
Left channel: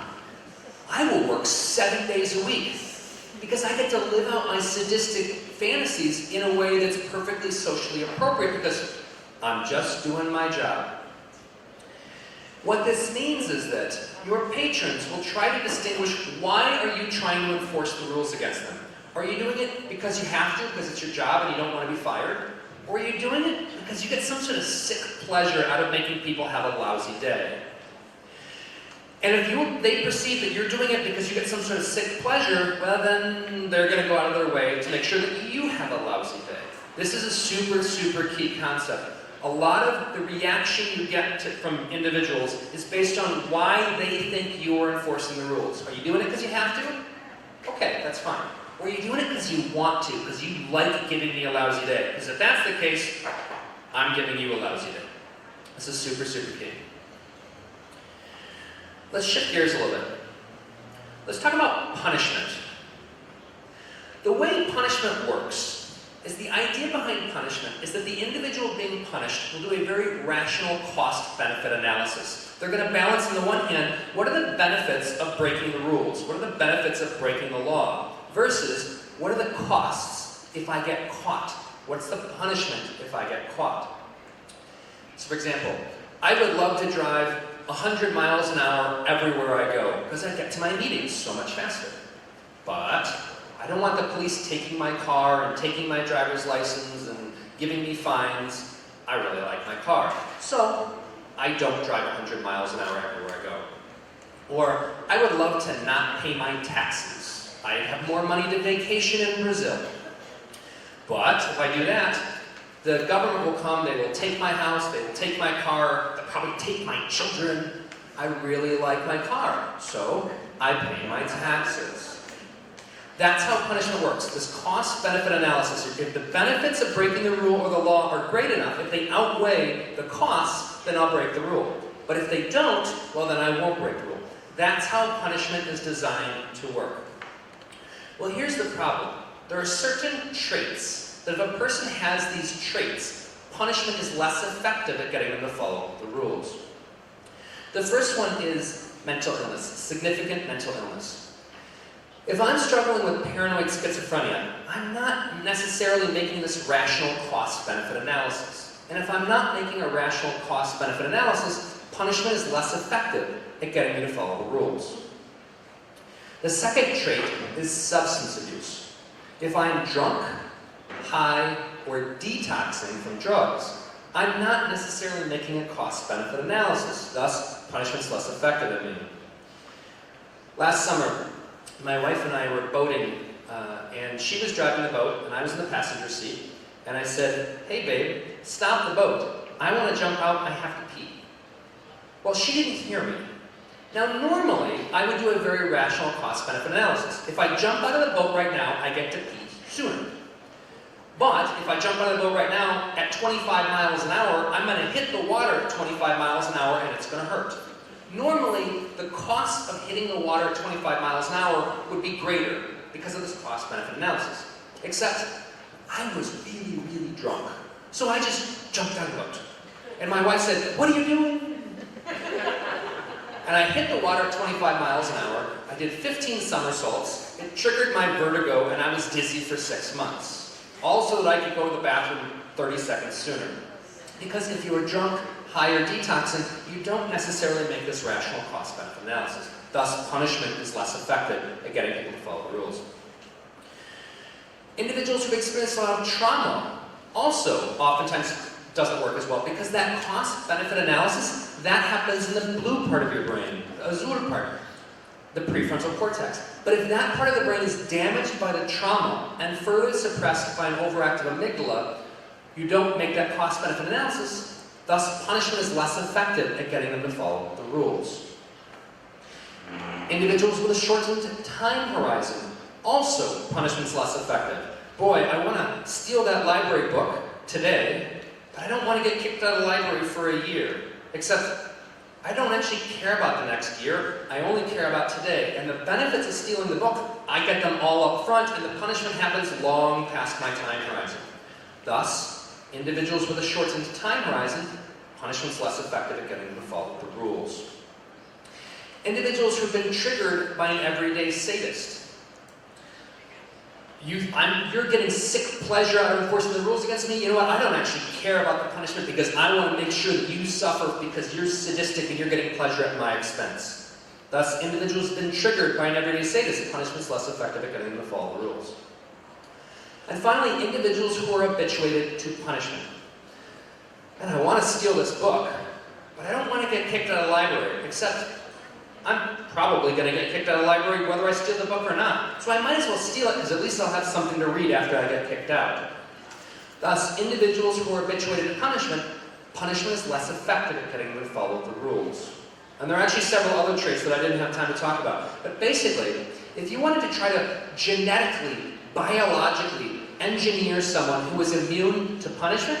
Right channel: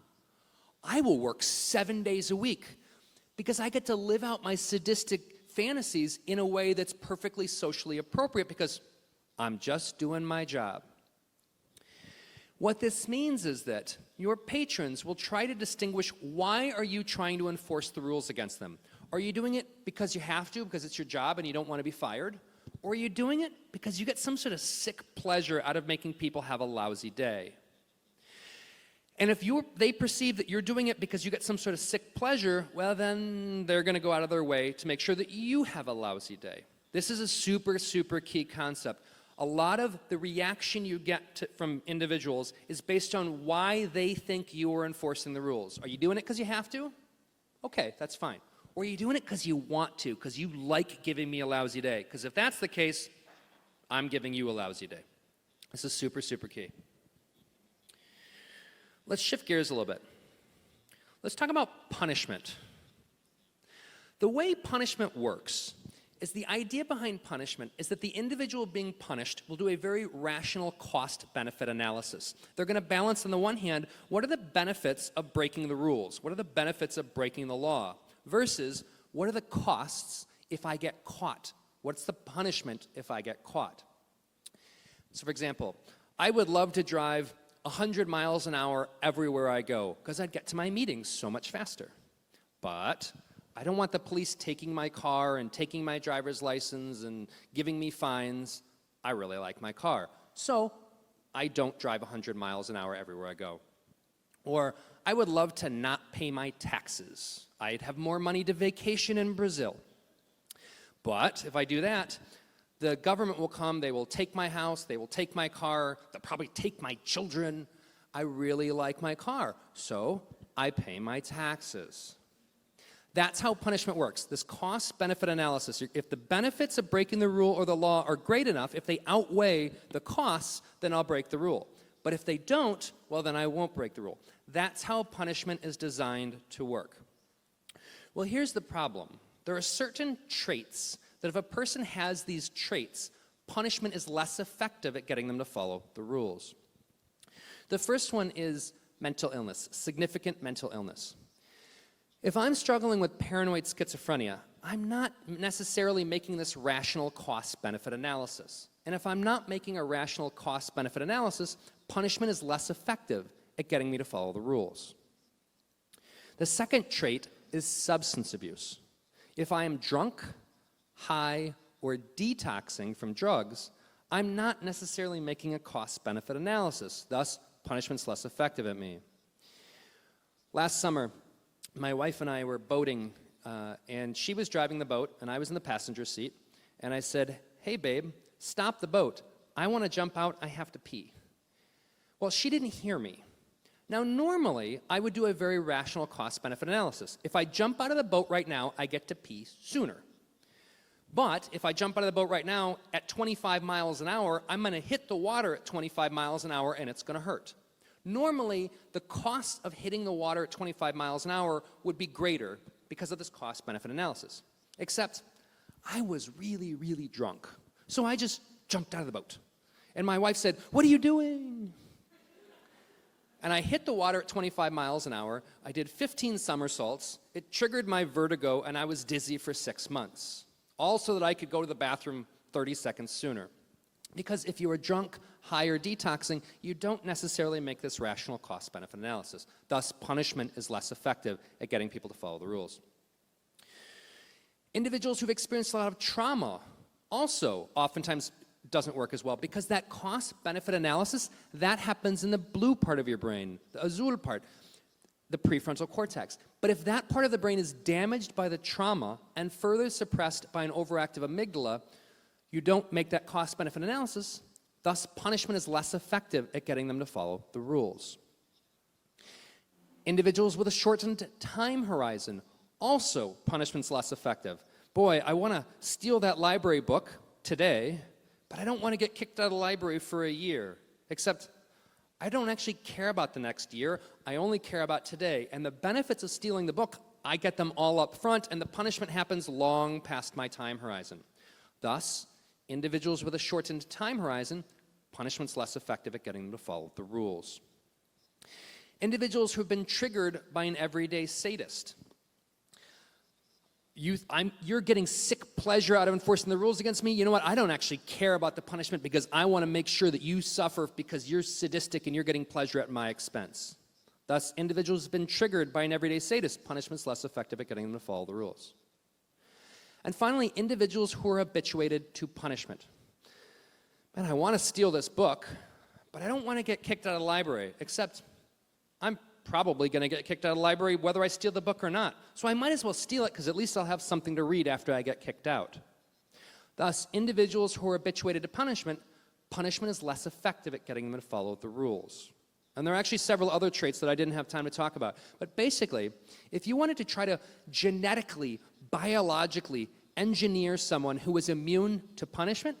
I will work 7 days a week because I get to live out my sadistic fantasies in a way that's perfectly socially appropriate because I'm just doing my job. What this means is that your patrons will try to distinguish why are you trying to enforce the rules against them. Are you doing it because you have to, because it's your job and you don't want to be fired? Or are you doing it because you get some sort of sick pleasure out of making people have a lousy day? And if they perceive that you're doing it because you get some sort of sick pleasure, well then they're going to go out of their way to make sure that you have a lousy day. This is a super key concept. A lot of the reaction you get from individuals is based on why they think you are enforcing the rules. Are you doing it because you have to? Okay, that's fine. Or are you doing it because you want to, because you like giving me a lousy day? Because if that's the case, I'm giving you a lousy day. This is super key. Let's shift gears a little bit. Let's talk about punishment. The way punishment works is the idea behind punishment is that the individual being punished will do a very rational cost-benefit analysis. They're going to balance, on the one hand, what are the benefits of breaking the rules? What are the benefits of breaking the law? Versus, what are the costs if I get caught? What's the punishment if I get caught? So, for example, I would love to drive 100 miles an hour everywhere I go because I get to my meetings so much faster. But I don't want the police taking my car and taking my driver's license and giving me fines. I really like my car. So I don't drive 100 miles an hour everywhere I go. Or I would love to not pay my taxes. I'd have more money to vacation in Brazil. But if I do that, the government will come, they will take my house, they will take my car, they'll probably take my children. I really like my car, so I pay my taxes. That's how punishment works, this cost-benefit analysis. If the benefits of breaking the rule or the law are great enough, if they outweigh the costs, then I'll break the rule. But if they don't, well then I won't break the rule. That's how punishment is designed to work. Well, here's the problem. There are certain traits that if a person has these traits, punishment is less effective at getting them to follow the rules. The first one is mental illness, significant mental illness. If I'm struggling with paranoid schizophrenia, I'm not necessarily making this rational cost-benefit analysis. And if I'm not making a rational cost-benefit analysis, punishment is less effective at getting me to follow the rules. The second trait is substance abuse. If I'm drunk, high, or detoxing from drugs, I'm not necessarily making a cost-benefit analysis, thus punishment's less effective at me. Last summer, my wife and I were boating, and she was driving the boat, and I was in the passenger seat, and I said, "Hey babe, stop the boat. I want to jump out, I have to pee." Well, she didn't hear me. Now normally, I would do a very rational cost-benefit analysis. If I jump out of the boat right now, I get to pee sooner. But if I jump out of the boat right now at 25 miles an hour, I'm going to hit the water at 25 miles an hour and it's going to hurt. Normally, the cost of hitting the water at 25 miles an hour would be greater because of this cost-benefit analysis. Except, I was really, really drunk. So I just jumped out of the boat. And my wife said, "What are you doing?" And I hit the water at 25 miles an hour. I did 15 somersaults. It triggered my vertigo and I was dizzy for 6 months. Also that I could go to the bathroom 30 seconds sooner. Because if you were drunk, high, or detoxing, you don't necessarily make this rational cost-benefit analysis. Thus, punishment is less effective at getting people to follow the rules. Individuals who experience a lot of trauma also oftentimes doesn't work as well because that cost-benefit analysis, that happens in the blue part of your brain, the azure part, the prefrontal cortex. But if that part of the brain is damaged by the trauma and further suppressed by an overactive amygdala, you don't make that cost-benefit analysis. Thus, punishment is less effective at getting them to follow the rules. Individuals with a shortened time horizon, also punishment's less effective. Boy, I want to steal that library book today, but I don't want to get kicked out of the library for a year. Except, I don't actually care about the next year, I only care about today. And the benefits of stealing the book, I get them all up front, and the punishment happens long past my time horizon. Thus, individuals with a shortened time horizon, punishment's less effective at getting them to follow the rules. Individuals who've been triggered by an everyday sadist. You're getting sick pleasure out of enforcing the rules against me. You know what? I don't actually care about the punishment because I want to make sure that you suffer because you're sadistic and you're getting pleasure at my expense. Thus, individuals who've been triggered by an everyday sadist, punishment's less effective at getting them to follow the rules. And finally, individuals who are habituated to punishment. Man, I want to steal this book, but I don't want to get kicked out of the library, except I'm probably going to get kicked out of the library whether I steal the book or not. So I might as well steal it because at least I'll have something to read after I get kicked out. Thus, individuals who are habituated to punishment is less effective at getting them to follow the rules. And there are actually several other traits that I didn't have time to talk about. But basically, if you wanted to try to genetically, biologically engineer someone who was immune to punishment,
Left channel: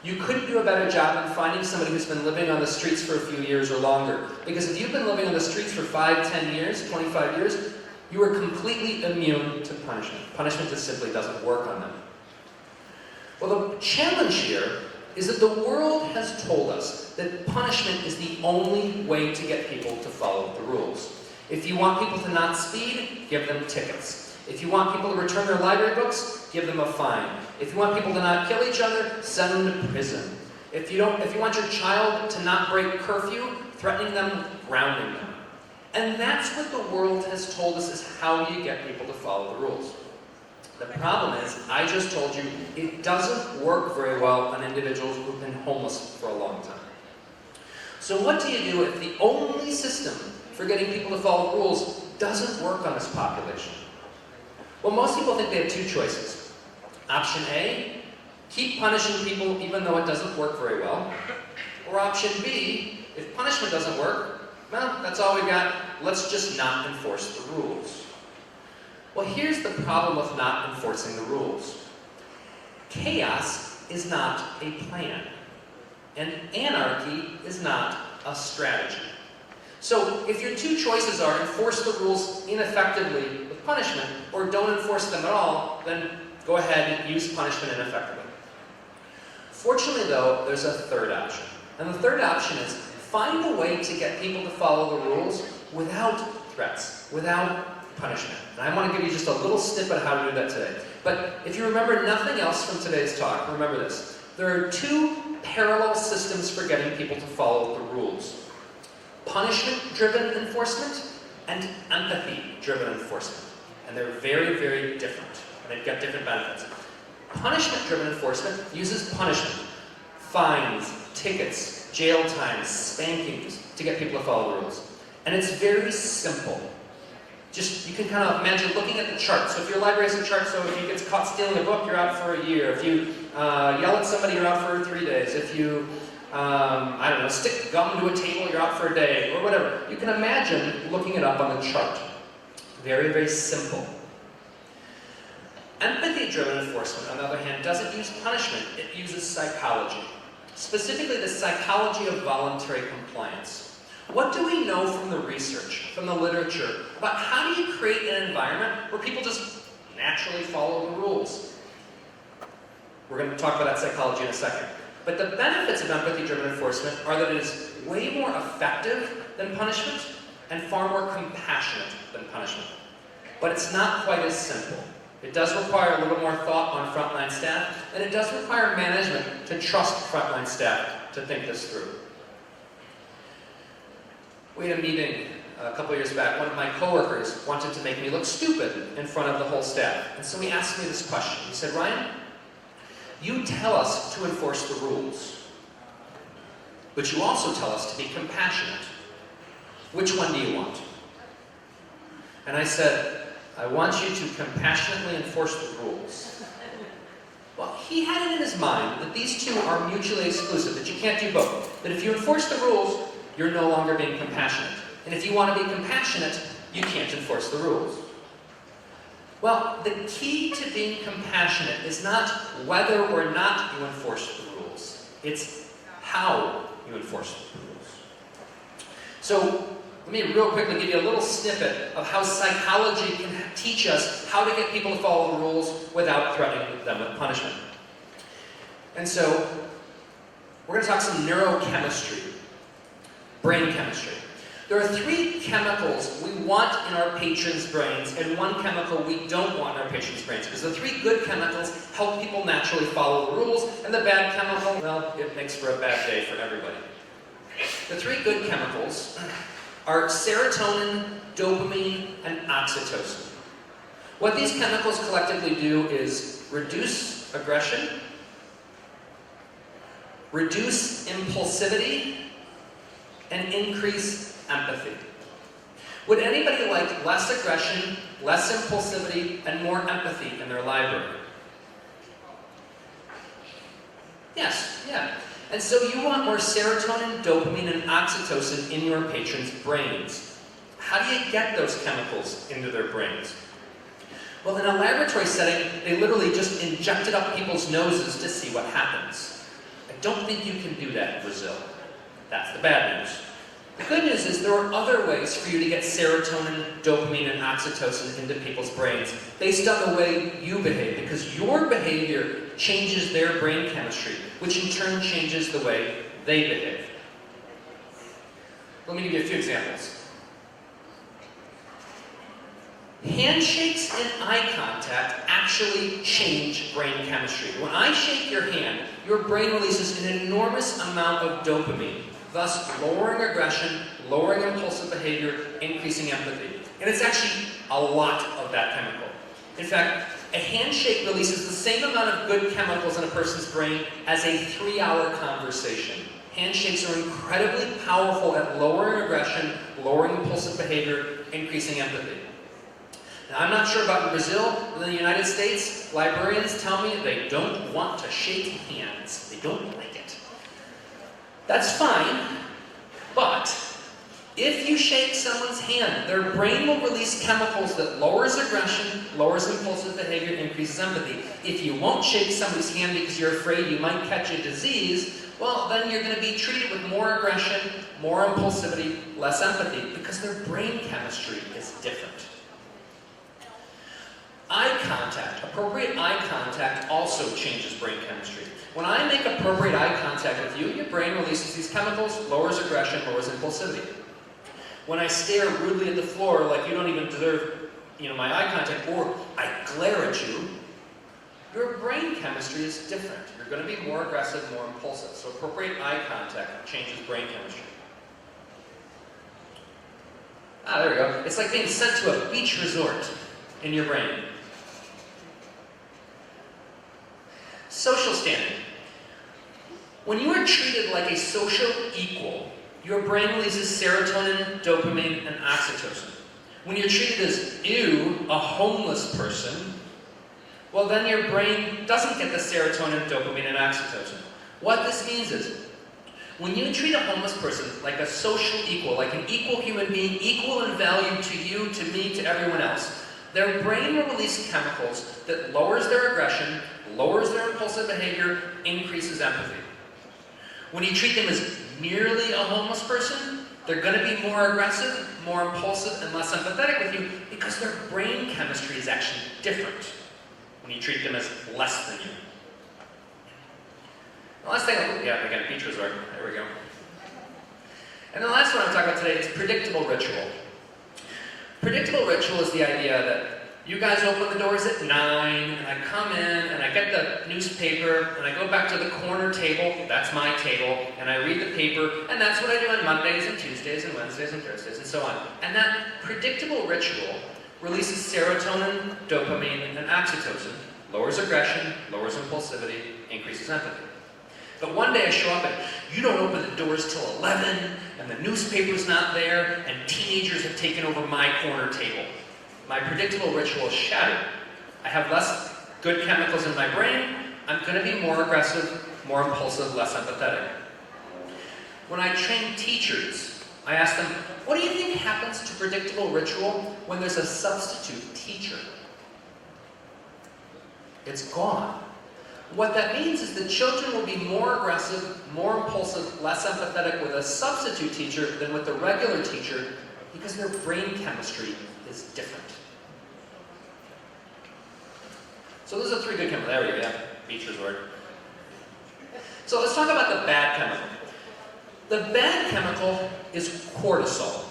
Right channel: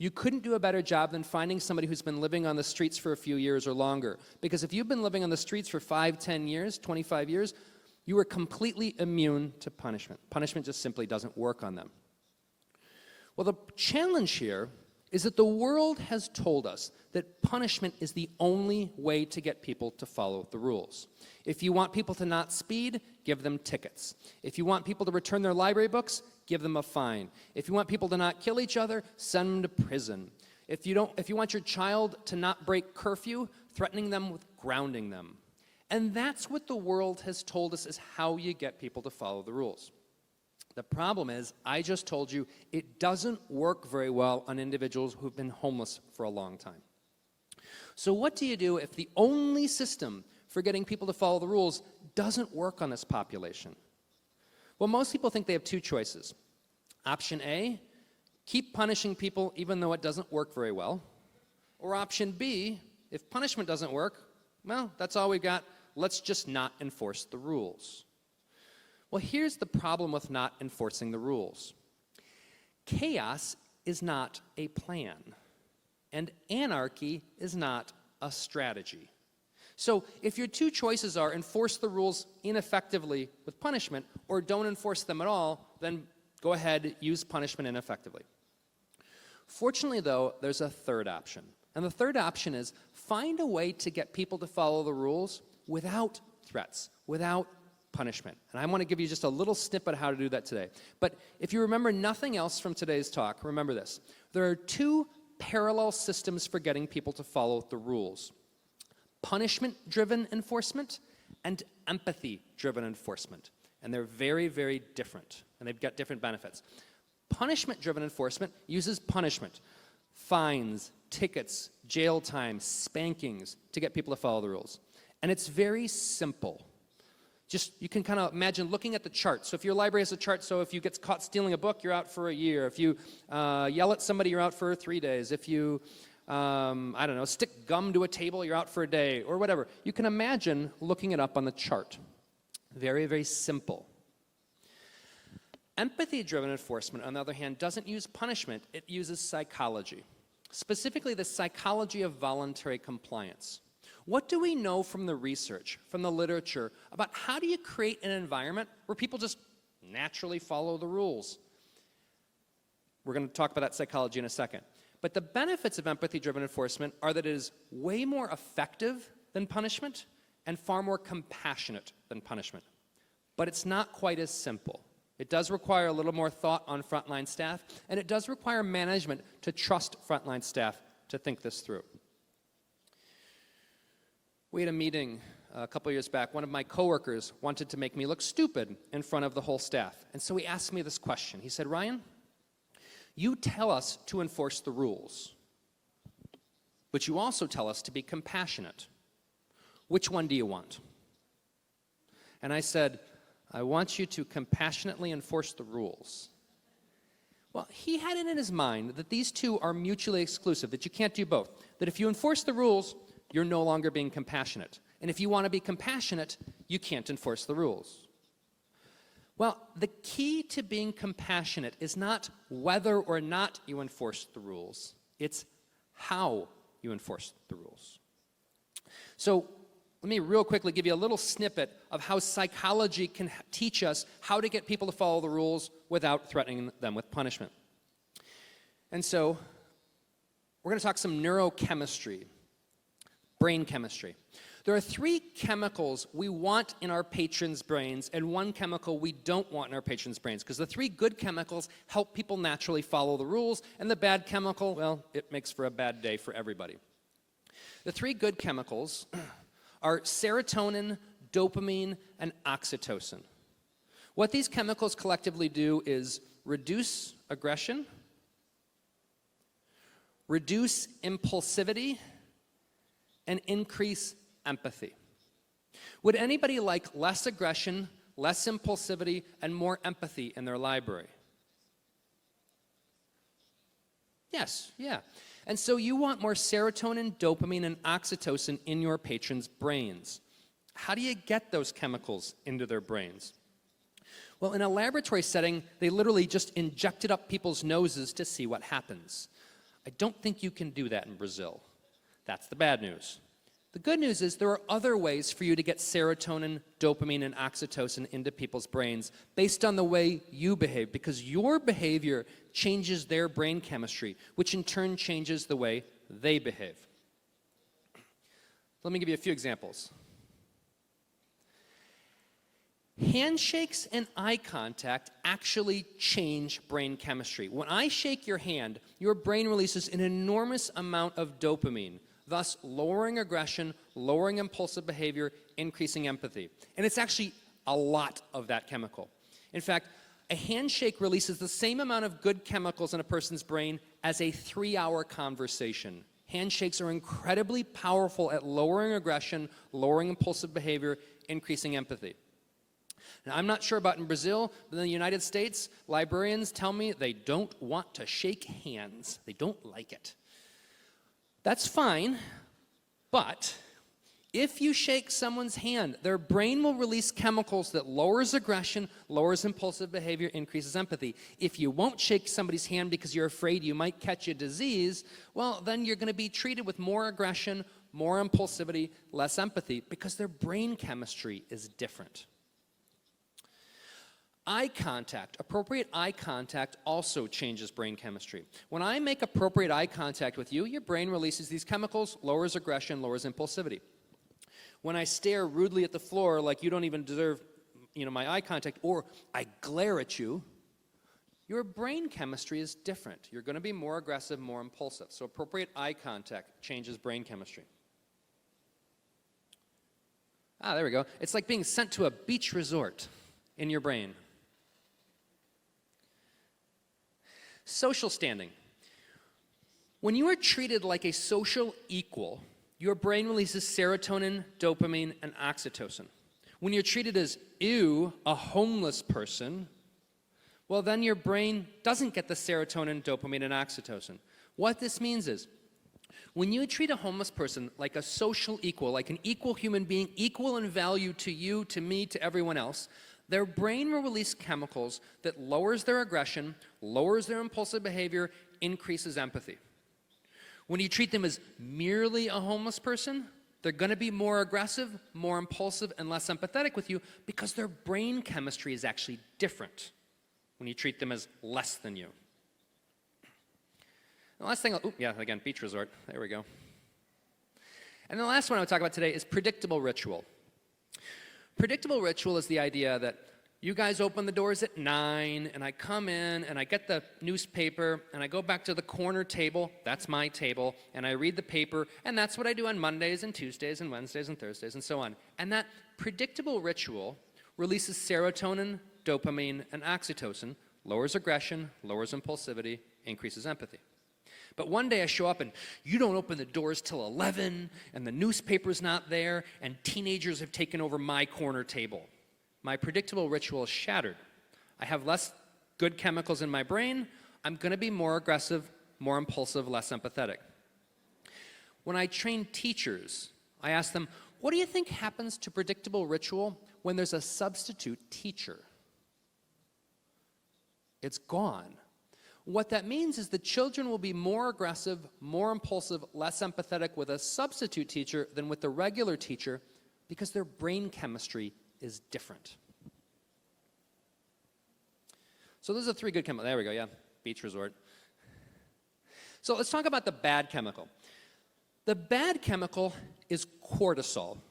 you couldn't do a better job than finding somebody who's been living on the streets for a few years or longer. Because if you've been living on the streets for 5, 10 years, 25 years, you are completely immune to punishment. Punishment just simply doesn't work on them. Well, the challenge here is that the world has told us that punishment is the only way to get people to follow the rules. If you want people to not speed, give them tickets. If you want people to return their library books, give them a fine. If you want people to not kill each other, send them to prison. If you want your child to not break curfew, threatening them, grounding them. And that's what the world has told us is how you get people to follow the rules. The problem is, I just told you, it doesn't work very well on individuals who've been homeless for a long time. So what do you do if the only system for getting people to follow the rules doesn't work on this population? Well, most people think they have two choices. Option A, keep punishing people even though it doesn't work very well. Or option B, if punishment doesn't work, well, that's all we got. Let's just not enforce the rules. Well, here's the problem with not enforcing the rules. Chaos is not a plan. And anarchy is not a strategy. So if your two choices are enforce the rules ineffectively with punishment or don't enforce them at all, then go ahead and use punishment ineffectively. Fortunately, though, there's a third option. And the third option is find a way to get people to follow the rules without threats, without punishment. And I want to give you just a little snippet of how to do that today. But if you remember nothing else from today's talk, remember this. There are two parallel systems for getting people to follow the rules. Punishment-driven enforcement and empathy-driven enforcement. And they're very, very different. And they've got different benefits. Punishment-driven enforcement uses punishment. Fines, tickets, jail times, spankings to get people to follow the rules. And it's very simple. Just, you can kind of imagine looking at the chart. So if your library's in chart, so if you get caught stealing a book, you're out for a year. If you yell at somebody, you're out for 3 days. If you, I don't know, stick gum to a table, you're out for a day, or whatever. You can imagine looking it up on the chart. Very, very simple. Empathy-driven enforcement, on the other hand, doesn't use punishment. It uses psychology. Specifically, the psychology of voluntary compliance. What do we know from the research, from the literature, about how do you create an environment where people just naturally follow the rules? We're going to talk about that psychology in a second. But the benefits of empathy-driven enforcement are that it is way more effective than punishment and far more compassionate than punishment. But it's not quite as simple. It does require a little more thought on frontline staff, and it does require management to trust frontline staff to think this through. We had a meeting a couple years back. One of my coworkers wanted to make me look stupid in front of the whole staff. And so he asked me this question. He said, Ryan, you tell us to enforce the rules, but you also tell us to be compassionate. Which one do you want? And I said, I want you to compassionately enforce the rules. Well, he had it in his mind that these two are mutually exclusive, that you can't do both. That if you enforce the rules, you're no longer being compassionate. And if you want to be compassionate, you can't enforce the rules. Well, the key to being compassionate is not whether or not you enforce the rules. It's how you enforce the rules. So, let me real quickly give you a little snippet of how psychology can teach us how to get people to follow the rules without threatening them with punishment. And so, we're going to talk some neurochemistry. Brain chemistry. There are 3 chemicals we want in our patients' brains and 1 chemical we don't want in our patients' brains. Because the 3 good chemicals help people naturally follow the rules, and the bad chemical, well, it makes for a bad day for everybody. The 3 good chemicals are serotonin, dopamine, and oxytocin. What these chemicals collectively do is reduce aggression, reduce impulsivity, and increase empathy. Would anybody like less aggression, less impulsivity, and more empathy in their library? Yes, yeah. And so you want more serotonin, dopamine, and oxytocin in your patients' brains. How do you get those chemicals into their brains? Well, in a laboratory setting, they literally just inject it up people's noses to see what happens. I don't think you can do that in Brazil. That's the bad news. The good news is there are other ways for you to get serotonin, dopamine, and oxytocin into people's brains based on the way you behave, because your behavior changes their brain chemistry, which in turn changes the way they behave. Let me give you a few examples. Handshakes and eye contact actually change brain chemistry. When I shake your hand, your brain releases an enormous amount of dopamine, thus lowering aggression, lowering impulsive behavior, increasing empathy. And it's actually a lot of that chemical. In fact, a handshake releases the same amount of good chemicals in a person's brain as a 3-hour conversation. Handshakes are incredibly powerful at lowering aggression, lowering impulsive behavior, increasing empathy. Now, I'm not sure about in Brazil, but in the United States, librarians tell me they don't want to shake hands. They don't like it. That's fine, but if you shake someone's hand, their brain will release chemicals that lowers aggression, lowers impulsive behavior, increases empathy. If you won't shake somebody's hand because you're afraid you might catch a disease, well, then you're going to be treated with more aggression, more impulsivity, less empathy, because their brain chemistry is different. Eye contact, appropriate eye contact also changes brain chemistry. When I make appropriate eye contact with you, your brain releases these chemicals, lowers aggression, lowers impulsivity. When I stare rudely at the floor like you don't even deserve my eye contact, or I glare at you, your brain chemistry is different. You're going to be more aggressive, more impulsive. So appropriate eye contact changes brain chemistry. There we go. It's like being sent to a beach resort in your brain. Social standing. When you are treated like a social equal, your brain releases serotonin, dopamine, and oxytocin. When you're treated as, ew, a homeless person, well, then your brain doesn't get the serotonin, dopamine, and oxytocin. What this means is, when you treat a homeless person like a social equal, like an equal human being, equal in value to you, to me, to everyone else, their brain will release chemicals that lowers their aggression, lowers their impulsive behavior, increases empathy. When you treat them as merely a homeless person, they're going to be more aggressive, more impulsive, and less empathetic with you because their brain chemistry is actually different when you treat them as less than you. The last thing, again, beach resort. There we go. And the last one I'm talking about today is predictable ritual. Predictable ritual is the idea that you guys open the doors at 9, and I come in, and I get the newspaper, and I go back to the corner table, that's my table, and I read the paper, and that's what I do on Mondays and Tuesdays and Wednesdays and Thursdays and so on. And that predictable ritual releases serotonin, dopamine, and oxytocin, lowers aggression, lowers impulsivity, increases empathy. But one day I show up and you don't open the doors till 11, and the newspaper's not there, and teenagers have taken over my corner table. My predictable ritual is shattered. I have less good chemicals in my brain. I'm going to be more aggressive, more impulsive, less empathetic. When I train teachers, I ask them, what do you think happens to predictable ritual when there's a substitute teacher? It's gone. What that means is that children will be more aggressive, more impulsive, less empathetic with a substitute teacher than with a regular teacher because their brain chemistry is different. So those are 3 good chemicals. There we go, beach resort. So let's talk about the bad chemical. The bad chemical is cortisol.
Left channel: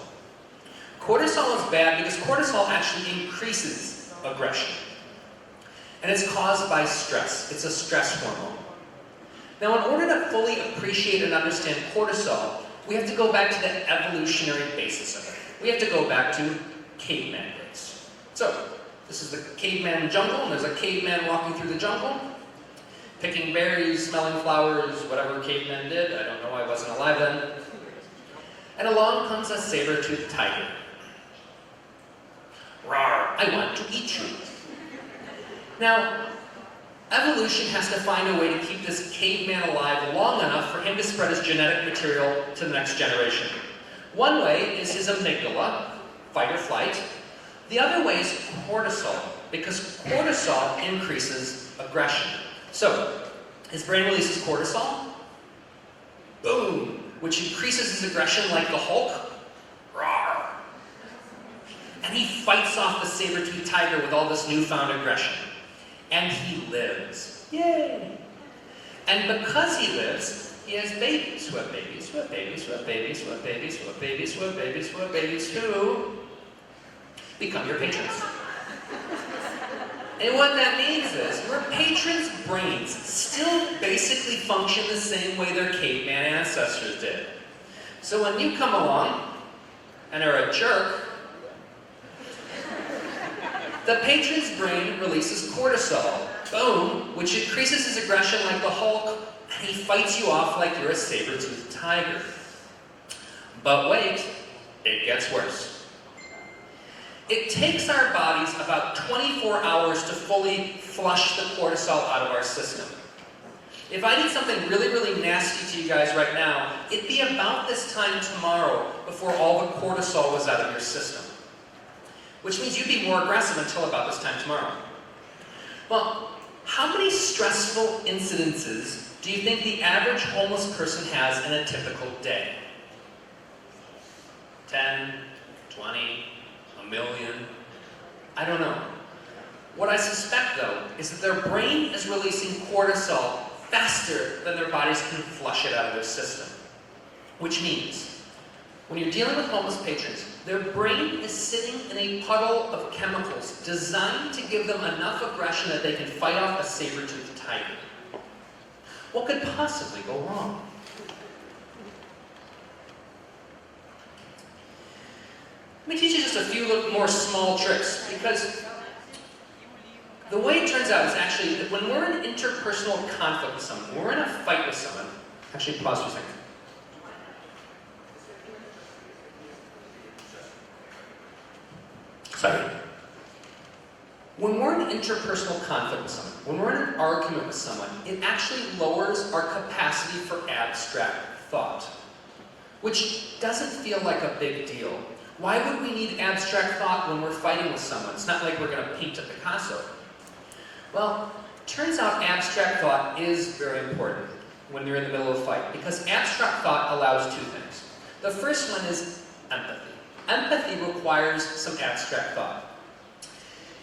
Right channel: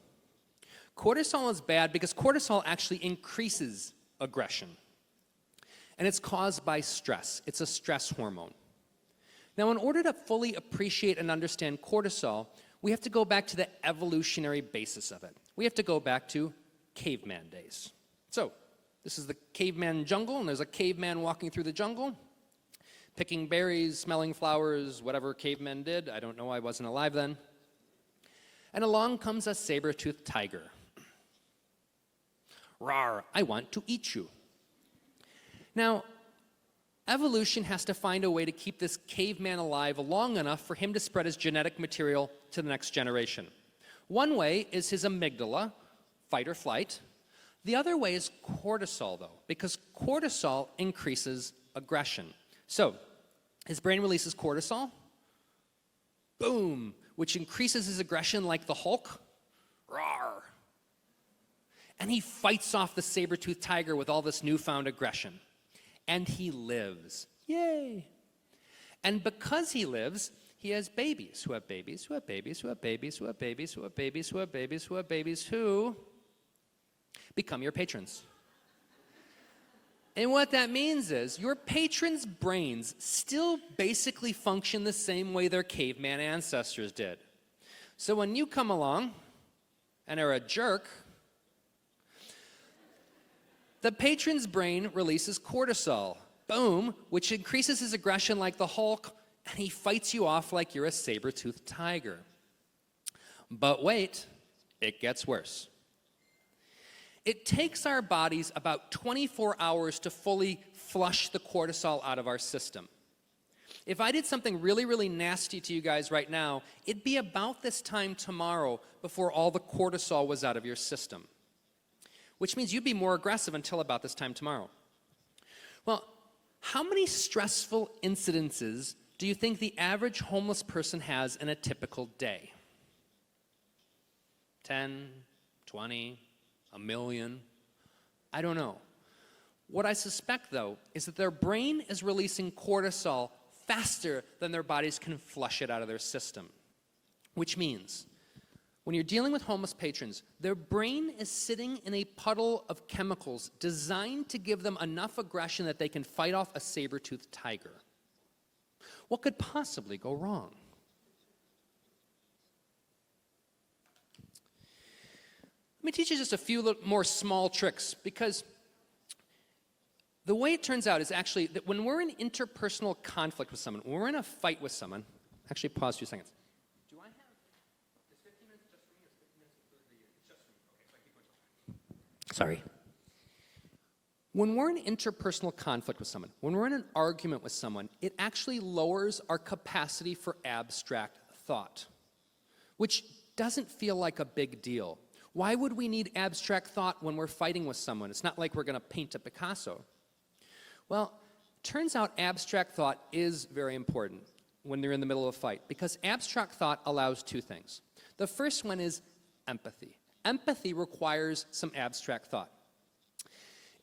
Cortisol is bad because cortisol actually increases aggression. And it's caused by stress. It's a stress hormone. Now, in order to fully appreciate and understand cortisol, we have to go back to the evolutionary basis of it. We have to go back to caveman days. So, this is the caveman jungle, and there's a caveman walking through the jungle, picking berries, smelling flowers, whatever cavemen did. I don't know, I wasn't alive then. And along comes a saber-toothed tiger. Rawr, I want to eat you. Now, evolution has to find a way to keep this caveman alive long enough for him to spread his genetic material to the next generation. One way is his amygdala, fight or flight. The other way is cortisol, because cortisol increases aggression. So, his brain releases cortisol, boom, which increases his aggression like the Hulk, rawr. And he fights off the saber-toothed tiger with all this newfound aggression. And he lives. Yay! And because he lives, he has babies who have babies, who have babies, who have babies, who have babies, who have babies, who have babies, who have babies, who become your patrons. And what that means is your patrons' brains still basically function the same way their caveman ancestors did. So when you come along and are a jerk, the patron's brain releases cortisol, boom, which increases his aggression like the Hulk, and he fights you off like you're a saber-toothed tiger. But wait, it gets worse. It takes our bodies about 24 hours to fully flush the cortisol out of our system. If I did something really, really nasty to you guys right now, it'd be about this time tomorrow before all the cortisol was out of your system. Which means you'd be more aggressive until about this time tomorrow. Well, how many stressful incidences do you think the average homeless person has in a typical day? 10, 20, a million? I don't know. What I suspect, though, is that their brain is releasing cortisol faster than their bodies can flush it out of their system. Which means when you're dealing with homeless patrons, their brain is sitting in a puddle of chemicals designed to give them enough aggression that they can fight off a saber-toothed tiger. What could possibly go wrong? Let me teach you just a few more small tricks, because the way it turns out is actually that when we're in interpersonal conflict with someone, when we're in a fight with someone, actually pause for a second. Sorry. When we're in interpersonal conflict with someone, when we're in an argument with someone, it actually lowers our capacity for abstract thought, which doesn't feel like a big deal. Why would we need abstract thought when we're fighting with someone? It's not like we're going to paint a Picasso. Well, turns out abstract thought is very important when you're in the middle of a fight, because abstract thought allows two things. The first one is empathy. Empathy requires some abstract thought.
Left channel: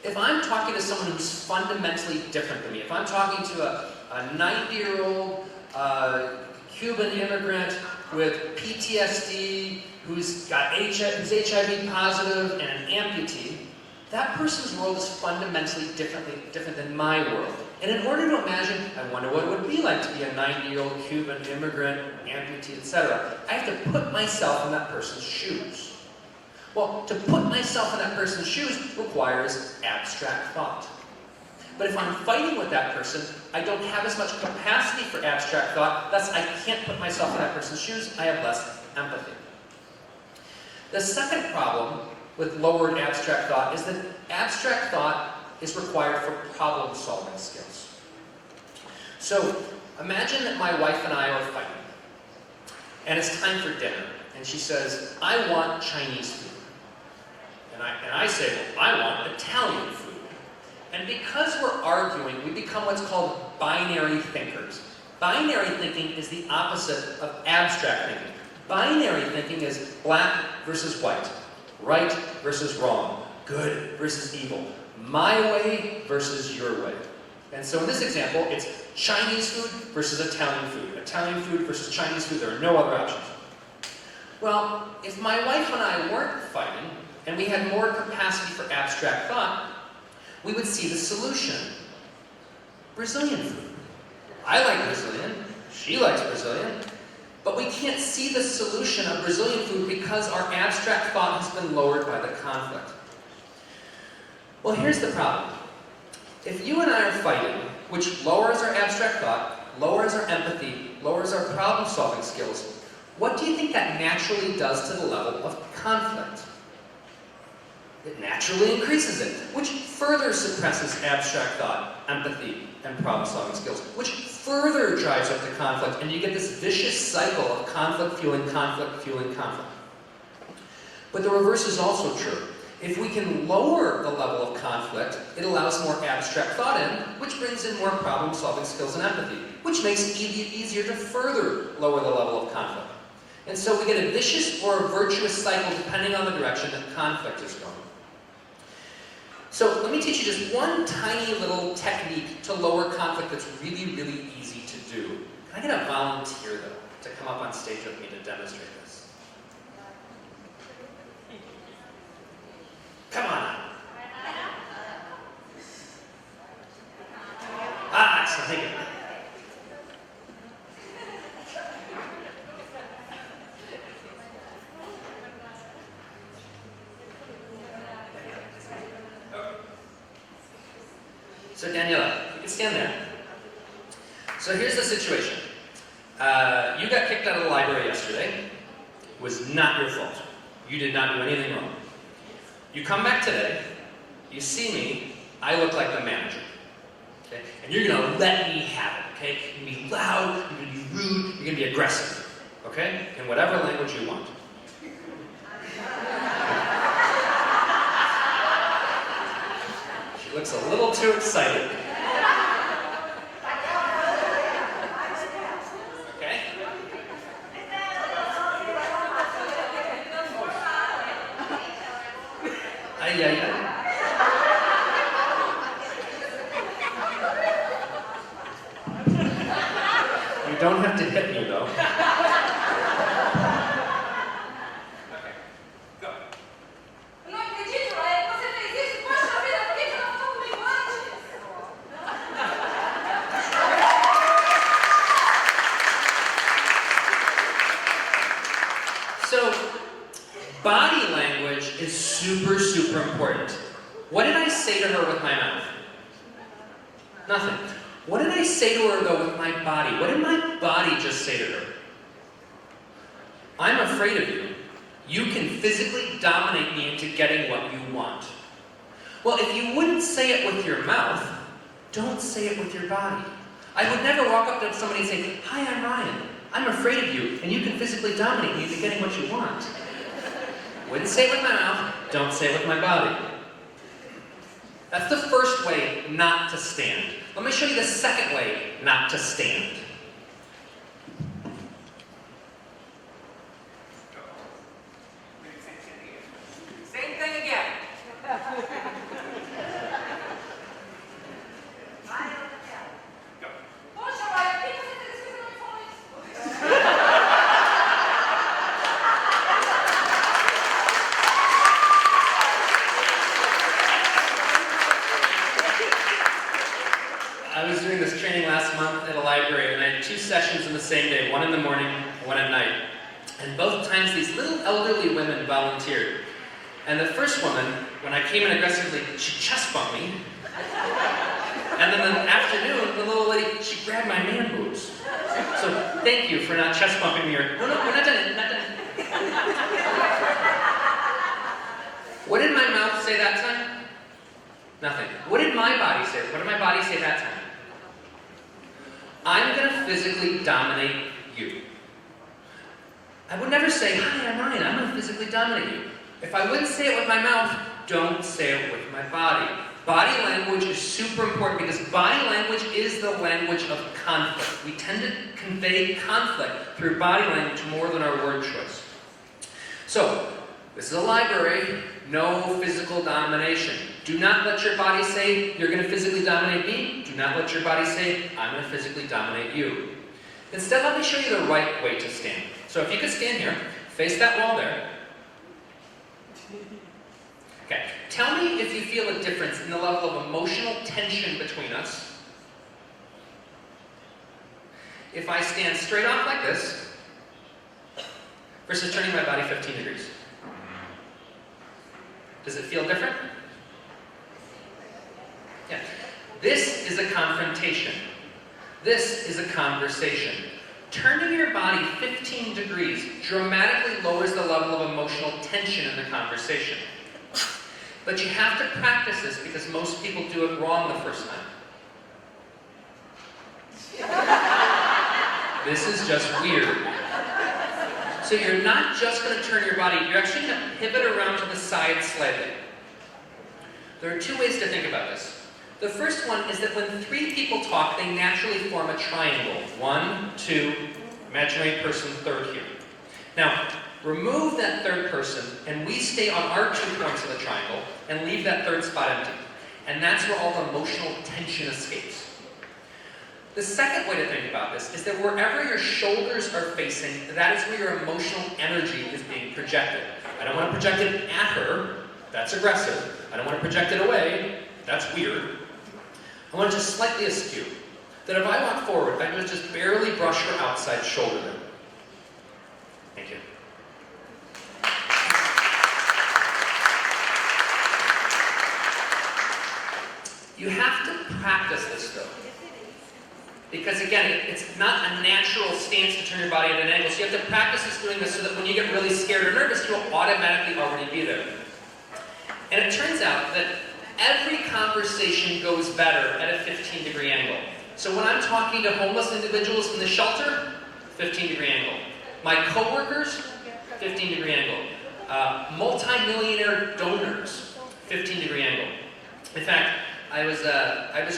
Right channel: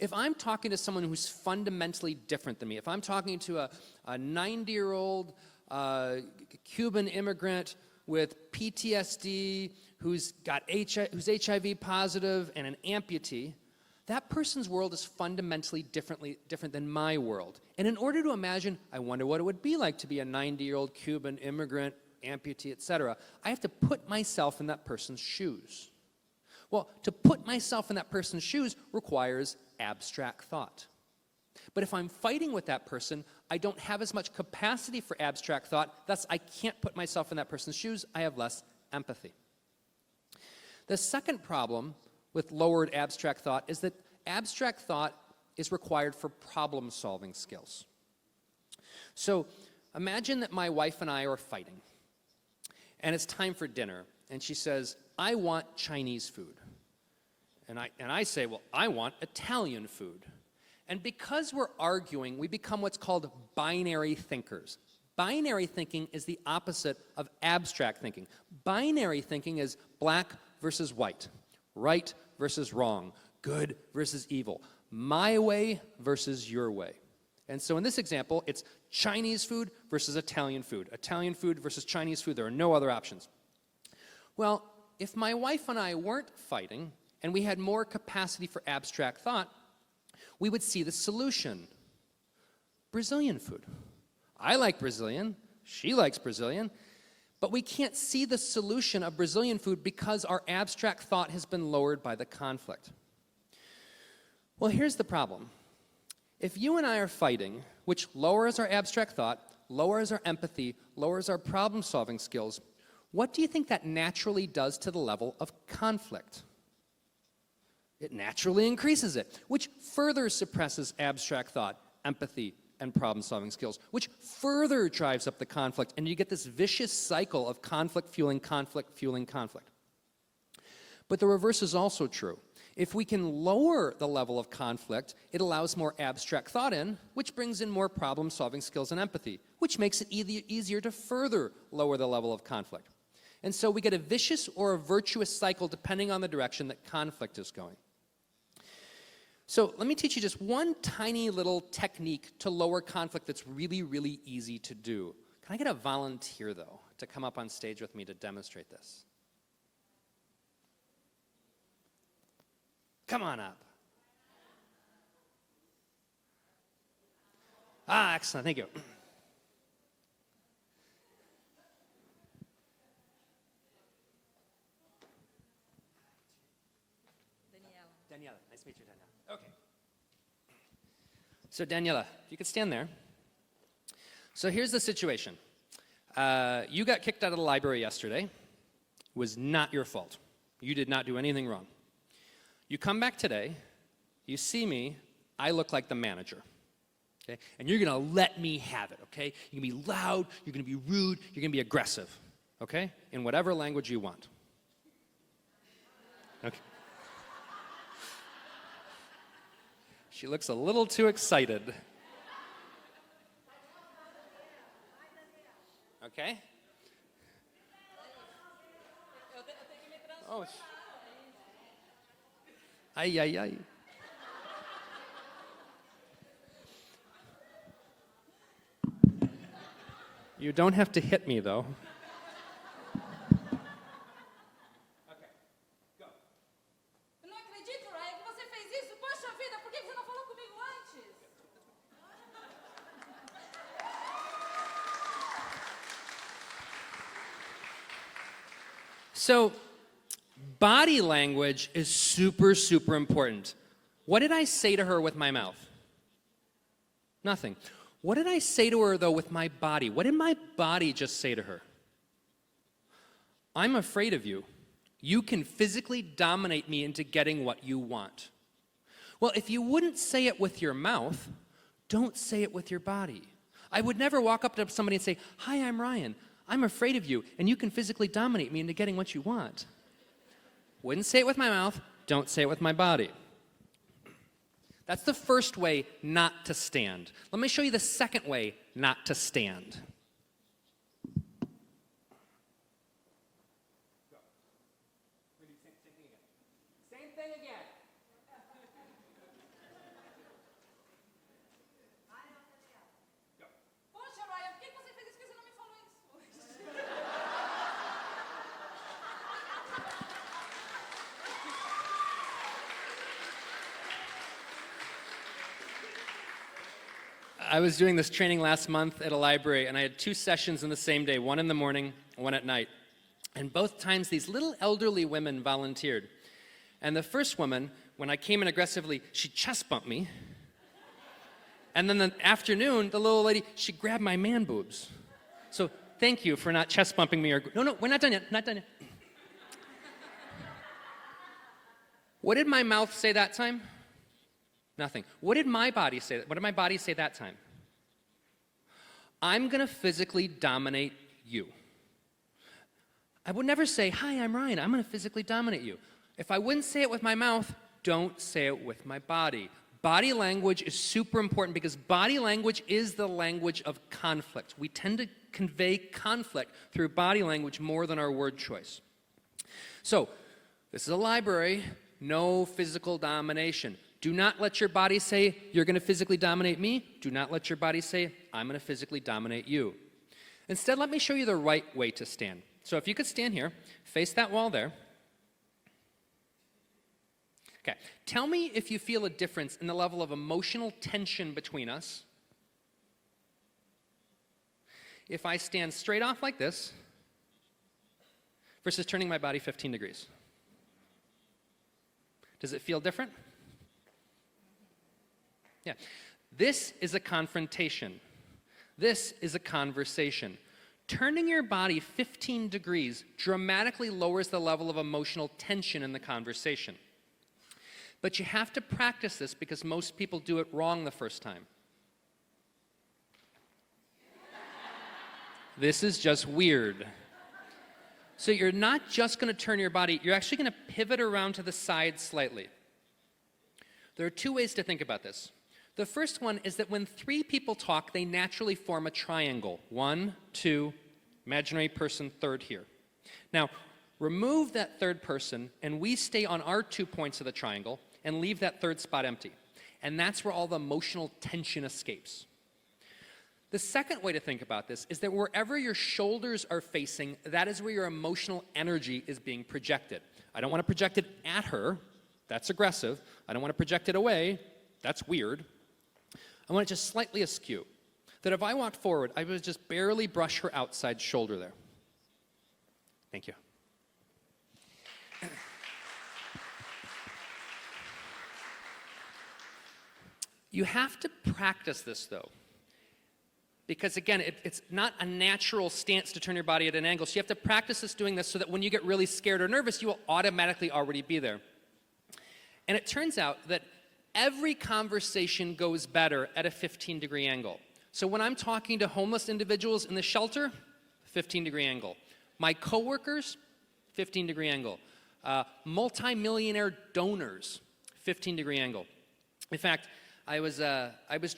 If I'm talking to someone who's fundamentally different than me, if I'm talking to a 90-year-old Cuban immigrant with PTSD, who's HIV positive and an amputee, that person's world is fundamentally different than my world. And in order to imagine, I wonder what it would be like to be a 90-year-old Cuban immigrant, amputee, etc., I have to put myself in that person's shoes. Well, to put myself in that person's shoes requires abstract thought. But if I'm fighting with that person, I don't have as much capacity for abstract thought, thus I can't put myself in that person's shoes, I have less empathy. The second problem with lowered abstract thought is that abstract thought is required for problem-solving skills. So, imagine that my wife and I are fighting, and it's time for dinner, and she says, I want Chinese food. And I say, well, I want Italian food. And because we're arguing, we become what's called binary thinkers. Binary thinking is the opposite of abstract thinking. Binary thinking is black versus white, right versus wrong, good versus evil, my way versus your way. And so in this example, it's Chinese food versus Italian food. Italian food versus Chinese food, there are no other options. Well, if my wife and I weren't fighting, and we had more capacity for abstract thought, we would see the solution. Brazilian food. I like Brazilian, she likes Brazilian, but we can't see the solution of Brazilian food because our abstract thought has been lowered by the conflict. Well, here's the problem. If you and I are fighting, which lowers our abstract thought, lowers our empathy, lowers our problem-solving skills, what do you think that naturally does to the level of conflict? It naturally increases it, which further suppresses abstract thought, empathy, and problem-solving skills, which further drives up the conflict, and you get this vicious cycle of conflict fueling conflict fueling conflict. But the reverse is also true. If we can lower the level of conflict, it allows more abstract thought in, which brings in more problem-solving skills and empathy, which makes it easier to further lower the level of conflict. And so we get a vicious or a virtuous cycle depending on the direction that conflict is going. So let me teach you just one tiny little technique to lower conflict that's really, really easy to do. I need a volunteer, though, to come up on stage with me to demonstrate this. Come on. Excellent, thank you. So Daniela, you can stand there. So here's the situation. You got kicked out of the library yesterday. It was not your fault. You did not do anything wrong. You come back today, you see me, I look like the manager. Okay? And you're gonna let me have it, okay? You're gonna be loud, you're gonna be rude, you're gonna be aggressive. Okay? In whatever language you want. She looks a little too excited. Okay? Yeah. You don't have to hit me, though. Body language is super, super important. What did I say to her with my mouth? Nothing. What did I say to her, though, with my body? What did my body just say to her? I'm afraid of you. You can physically dominate me into getting what you want. Well, if you wouldn't say it with your mouth, don't say it with your body. I would never walk up to somebody and say, "Hi, I'm Ryan. I'm afraid of you, and you can physically dominate me into getting what you want." Wouldn't say it with my mouth, don't say it with my body. That's the first way not to stand. Let me show you the second way not to stand. Same thing again. I was doing this training last month at a library, and I had 2 sessions in the same day, one in the morning, one at night. And both times these little elderly women volunteered. And the first woman, when I came in aggressively, she chest bumped me. And then in the afternoon, the little lady, she grabbed my man boobs. So thank you for not chest bumping me. No, we're not done it, not done it. What did my mouth say that time? Nothing. What did my body say? What did my body say that time? I'm going to physically dominate you. I would never say, "Hi, I'm Ryan. I'm going to physically dominate you." If I wouldn't say it with my mouth, don't say it with my body. Body language is super important because body language is the language of conflict. We tend to convey conflict through body language more than our word choice. So, this is a library, no physical domination. Do not let your body say, "You're going to physically dominate me." Do not let your body say, "I'm going to physically dominate you." Instead, let me show you the right way to stand. So if you could stand here, face that wall there. Okay, tell me if you feel a difference in the level of emotional tension between us. If I stand straight off like this, versus turning my body 15 degrees. Does it feel different? Yeah. This is a confrontation. This is a conversation. Turning your body 15 degrees dramatically lowers the level of emotional tension in the conversation. But you have to practice this because most people do it wrong the first time. This is just weird. So you're not just going to turn your body, you're actually going to pivot around to the side slightly. There are 2 ways to think about this. The first one is that when 3 people talk, they naturally form a triangle. 1, 2, imaginary person, third here. Now, remove that third person, and we stay on our 2 points of the triangle, and leave that third spot empty. And that's where all the emotional tension escapes. The second way to think about this is that wherever your shoulders are facing, that is where your emotional energy is being projected. I don't want to project it at her, that's aggressive. I don't want to project it away, that's weird. I want it just slightly askew. That if I walk forward, I'm going to just barely brush her outside shoulder. Thank you. You have to practice this though. Because again, it's not a natural stance to turn your body at an angle. So you have to practice this doing this so that when you get really scared or nervous, you'll automatically already be there. And it turns out that every conversation goes better at a 15-degree angle. So when I'm talking to homeless individuals in the shelter, 15-degree angle. My coworkers, 15-degree angle. Multi-millionaire donors, 15-degree angle. In fact, I was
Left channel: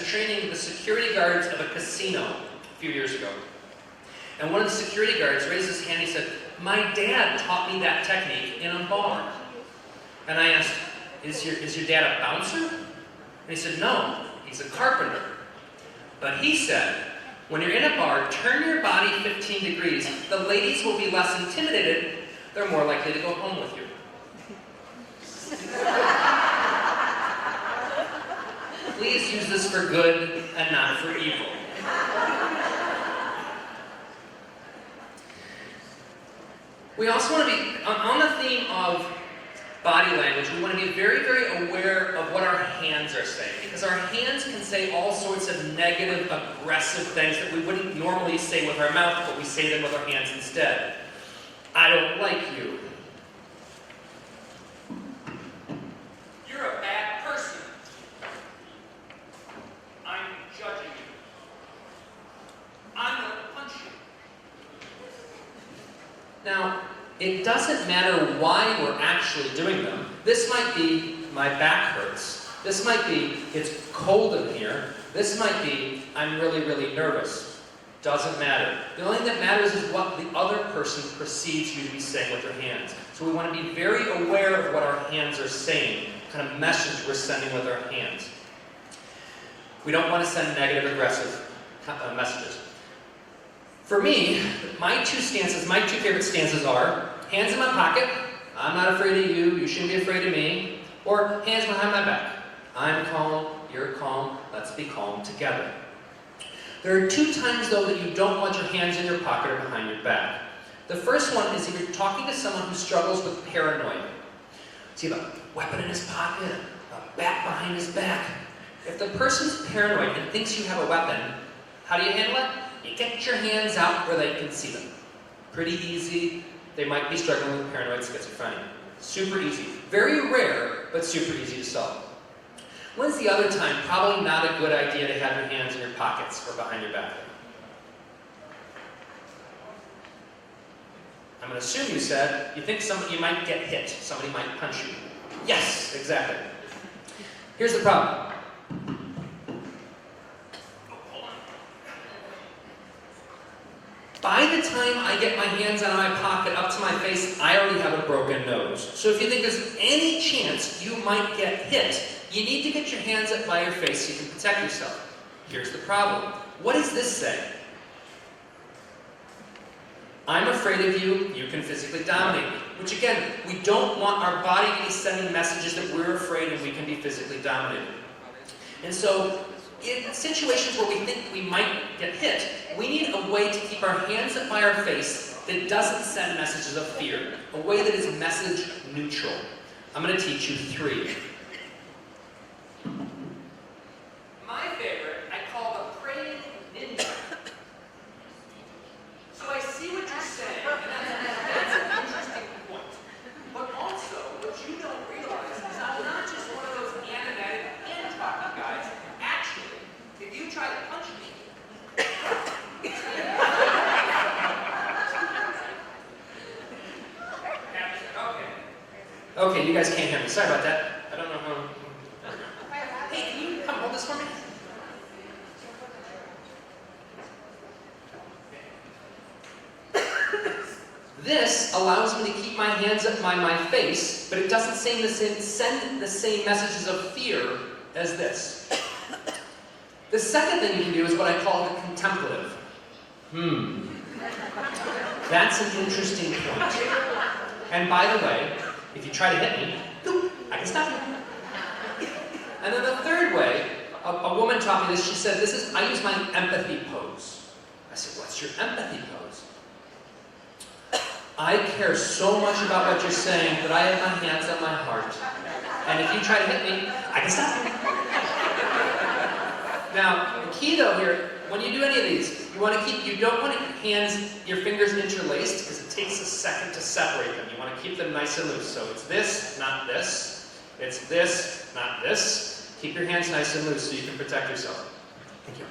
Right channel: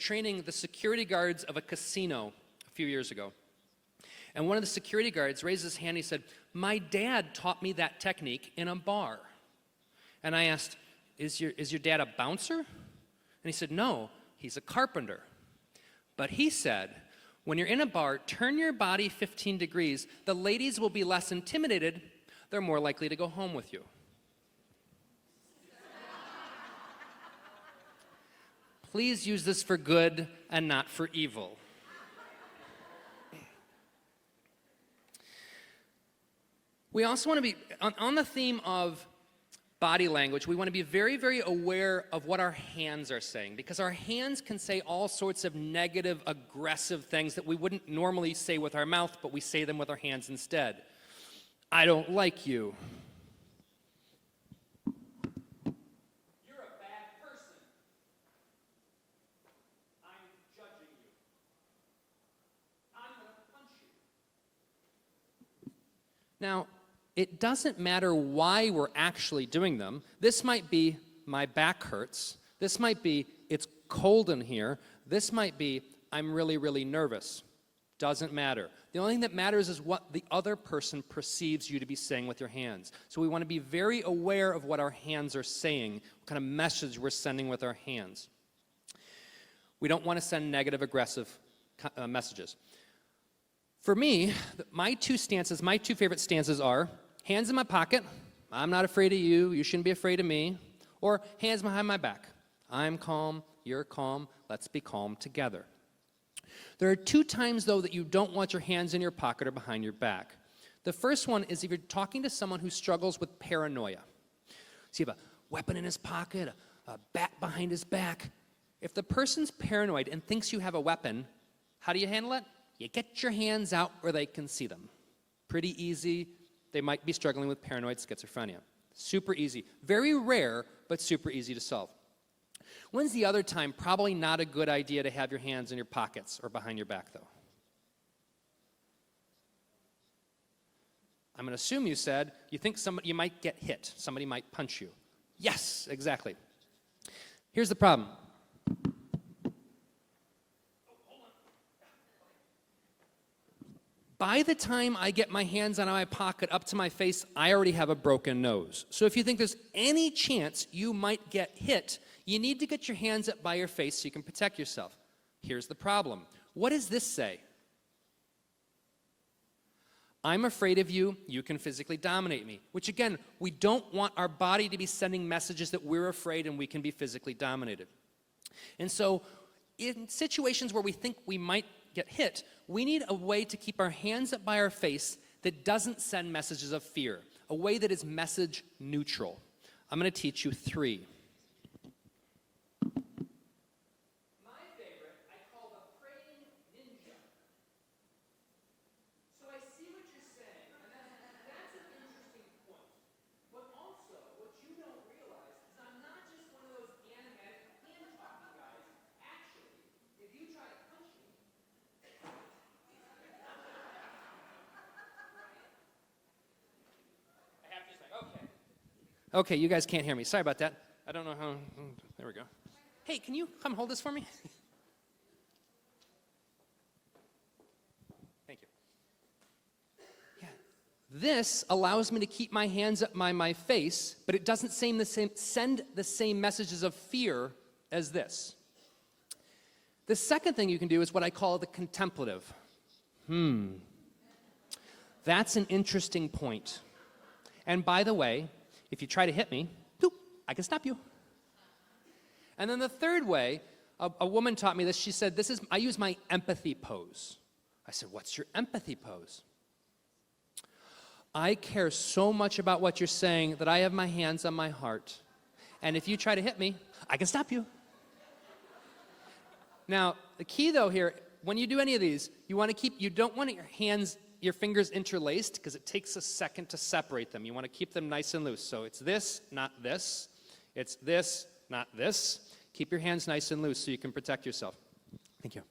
training the security guards of a casino a few years ago. And one of the security guards raised his hand and he said, "My dad taught me that technique in a bar." And I asked, is your dad a bouncer? And he said, "No, he's a carpenter." But he said, when you're in a bar, turn your body 15 degrees. The ladies will be less intimidated. They're more likely to go home with you. Please use this for good and not for evil. We also want to be on the theme of body language, we want to be very, very aware of what our hands are saying. Because our hands can say all sorts of negative, aggressive things that we wouldn't normally say with our mouth, but we say them with our hands instead. I don't like you. You're a bad person. I'm judging you. I'm going to punch you. Now, it doesn't matter why we're actually doing them. This might be my back hurts. This might be it's cold in here. This might be I'm really, really nervous. Doesn't matter. The only thing that matters is what the other person perceives you to be saying with their hands. So we want to be very aware of what our hands are saying, what kind of message we're sending with our hands. We don't want to send negative, aggressive messages. For me, my two favorite stances are, hands in my pocket, I'm not afraid of you, you shouldn't be afraid of me, or hands behind my back, I'm calm, you're calm, let's be calm together. There are 2 times, though, that you don't want your hands in your pocket or behind your back. The first one is if you're talking to someone who struggles with paranoia. So you have a weapon in his pocket, a bat behind his back. If the person's paranoid and thinks you have a weapon, how do you handle it? You get your hands out where they can see them. Pretty easy. They might be struggling with paranoid schizophrenia. Super easy. Very rare, but super easy to solve. When is the other time probably not a good idea to have your hands in your pockets or behind your back? I'm going to assume you said you think you might get hit. Somebody might punch you. Yes, exactly. Here's the problem. By the time I get my hands out of my pocket up to my face, I already have a broken nose. So if you think there's any chance you might get hit, you need to get your hands up by your face so you can protect yourself. Here's the problem. What does this say? I'm afraid of you, you can physically dominate me. Which again, we don't want our body to be sending messages that we're afraid and we can be physically dominated. And so, in situations where we think we might get hit, we need a way to keep our hands up by our face that doesn't send messages of fear. A way that is message neutral. I'm going to teach you 3. My favorite, I call the praying ninja. So I see what you're saying, and that's an interesting point. But also, what you don't realize is I'm not just one of those animated and talking guys. Actually, if you try to punch me, Okay, you guys can't hear me. Sorry about that. I don't know how. Hey, can you come hold this for me? This allows me to keep my hands up by my face, but it doesn't send the same messages of fear as this. The second thing you can do is what I call the contemplative. That's an interesting point. And by the way, if you try to hit me, I can stop you. And then the third way, a woman taught me this. She said, I use my empathy pose. I said, what's your empathy pose? I care so much about what you're saying that I have my hands on my heart. And if you try to hit me, I can stop you. Now, the key though here, when you do any of these, you don't want your fingers interlaced because it takes a second to separate them. You want to keep them nice and loose. So it's this, not this. It's this, not this. Keep your hands nice and loose so you can protect yourself. Thank you.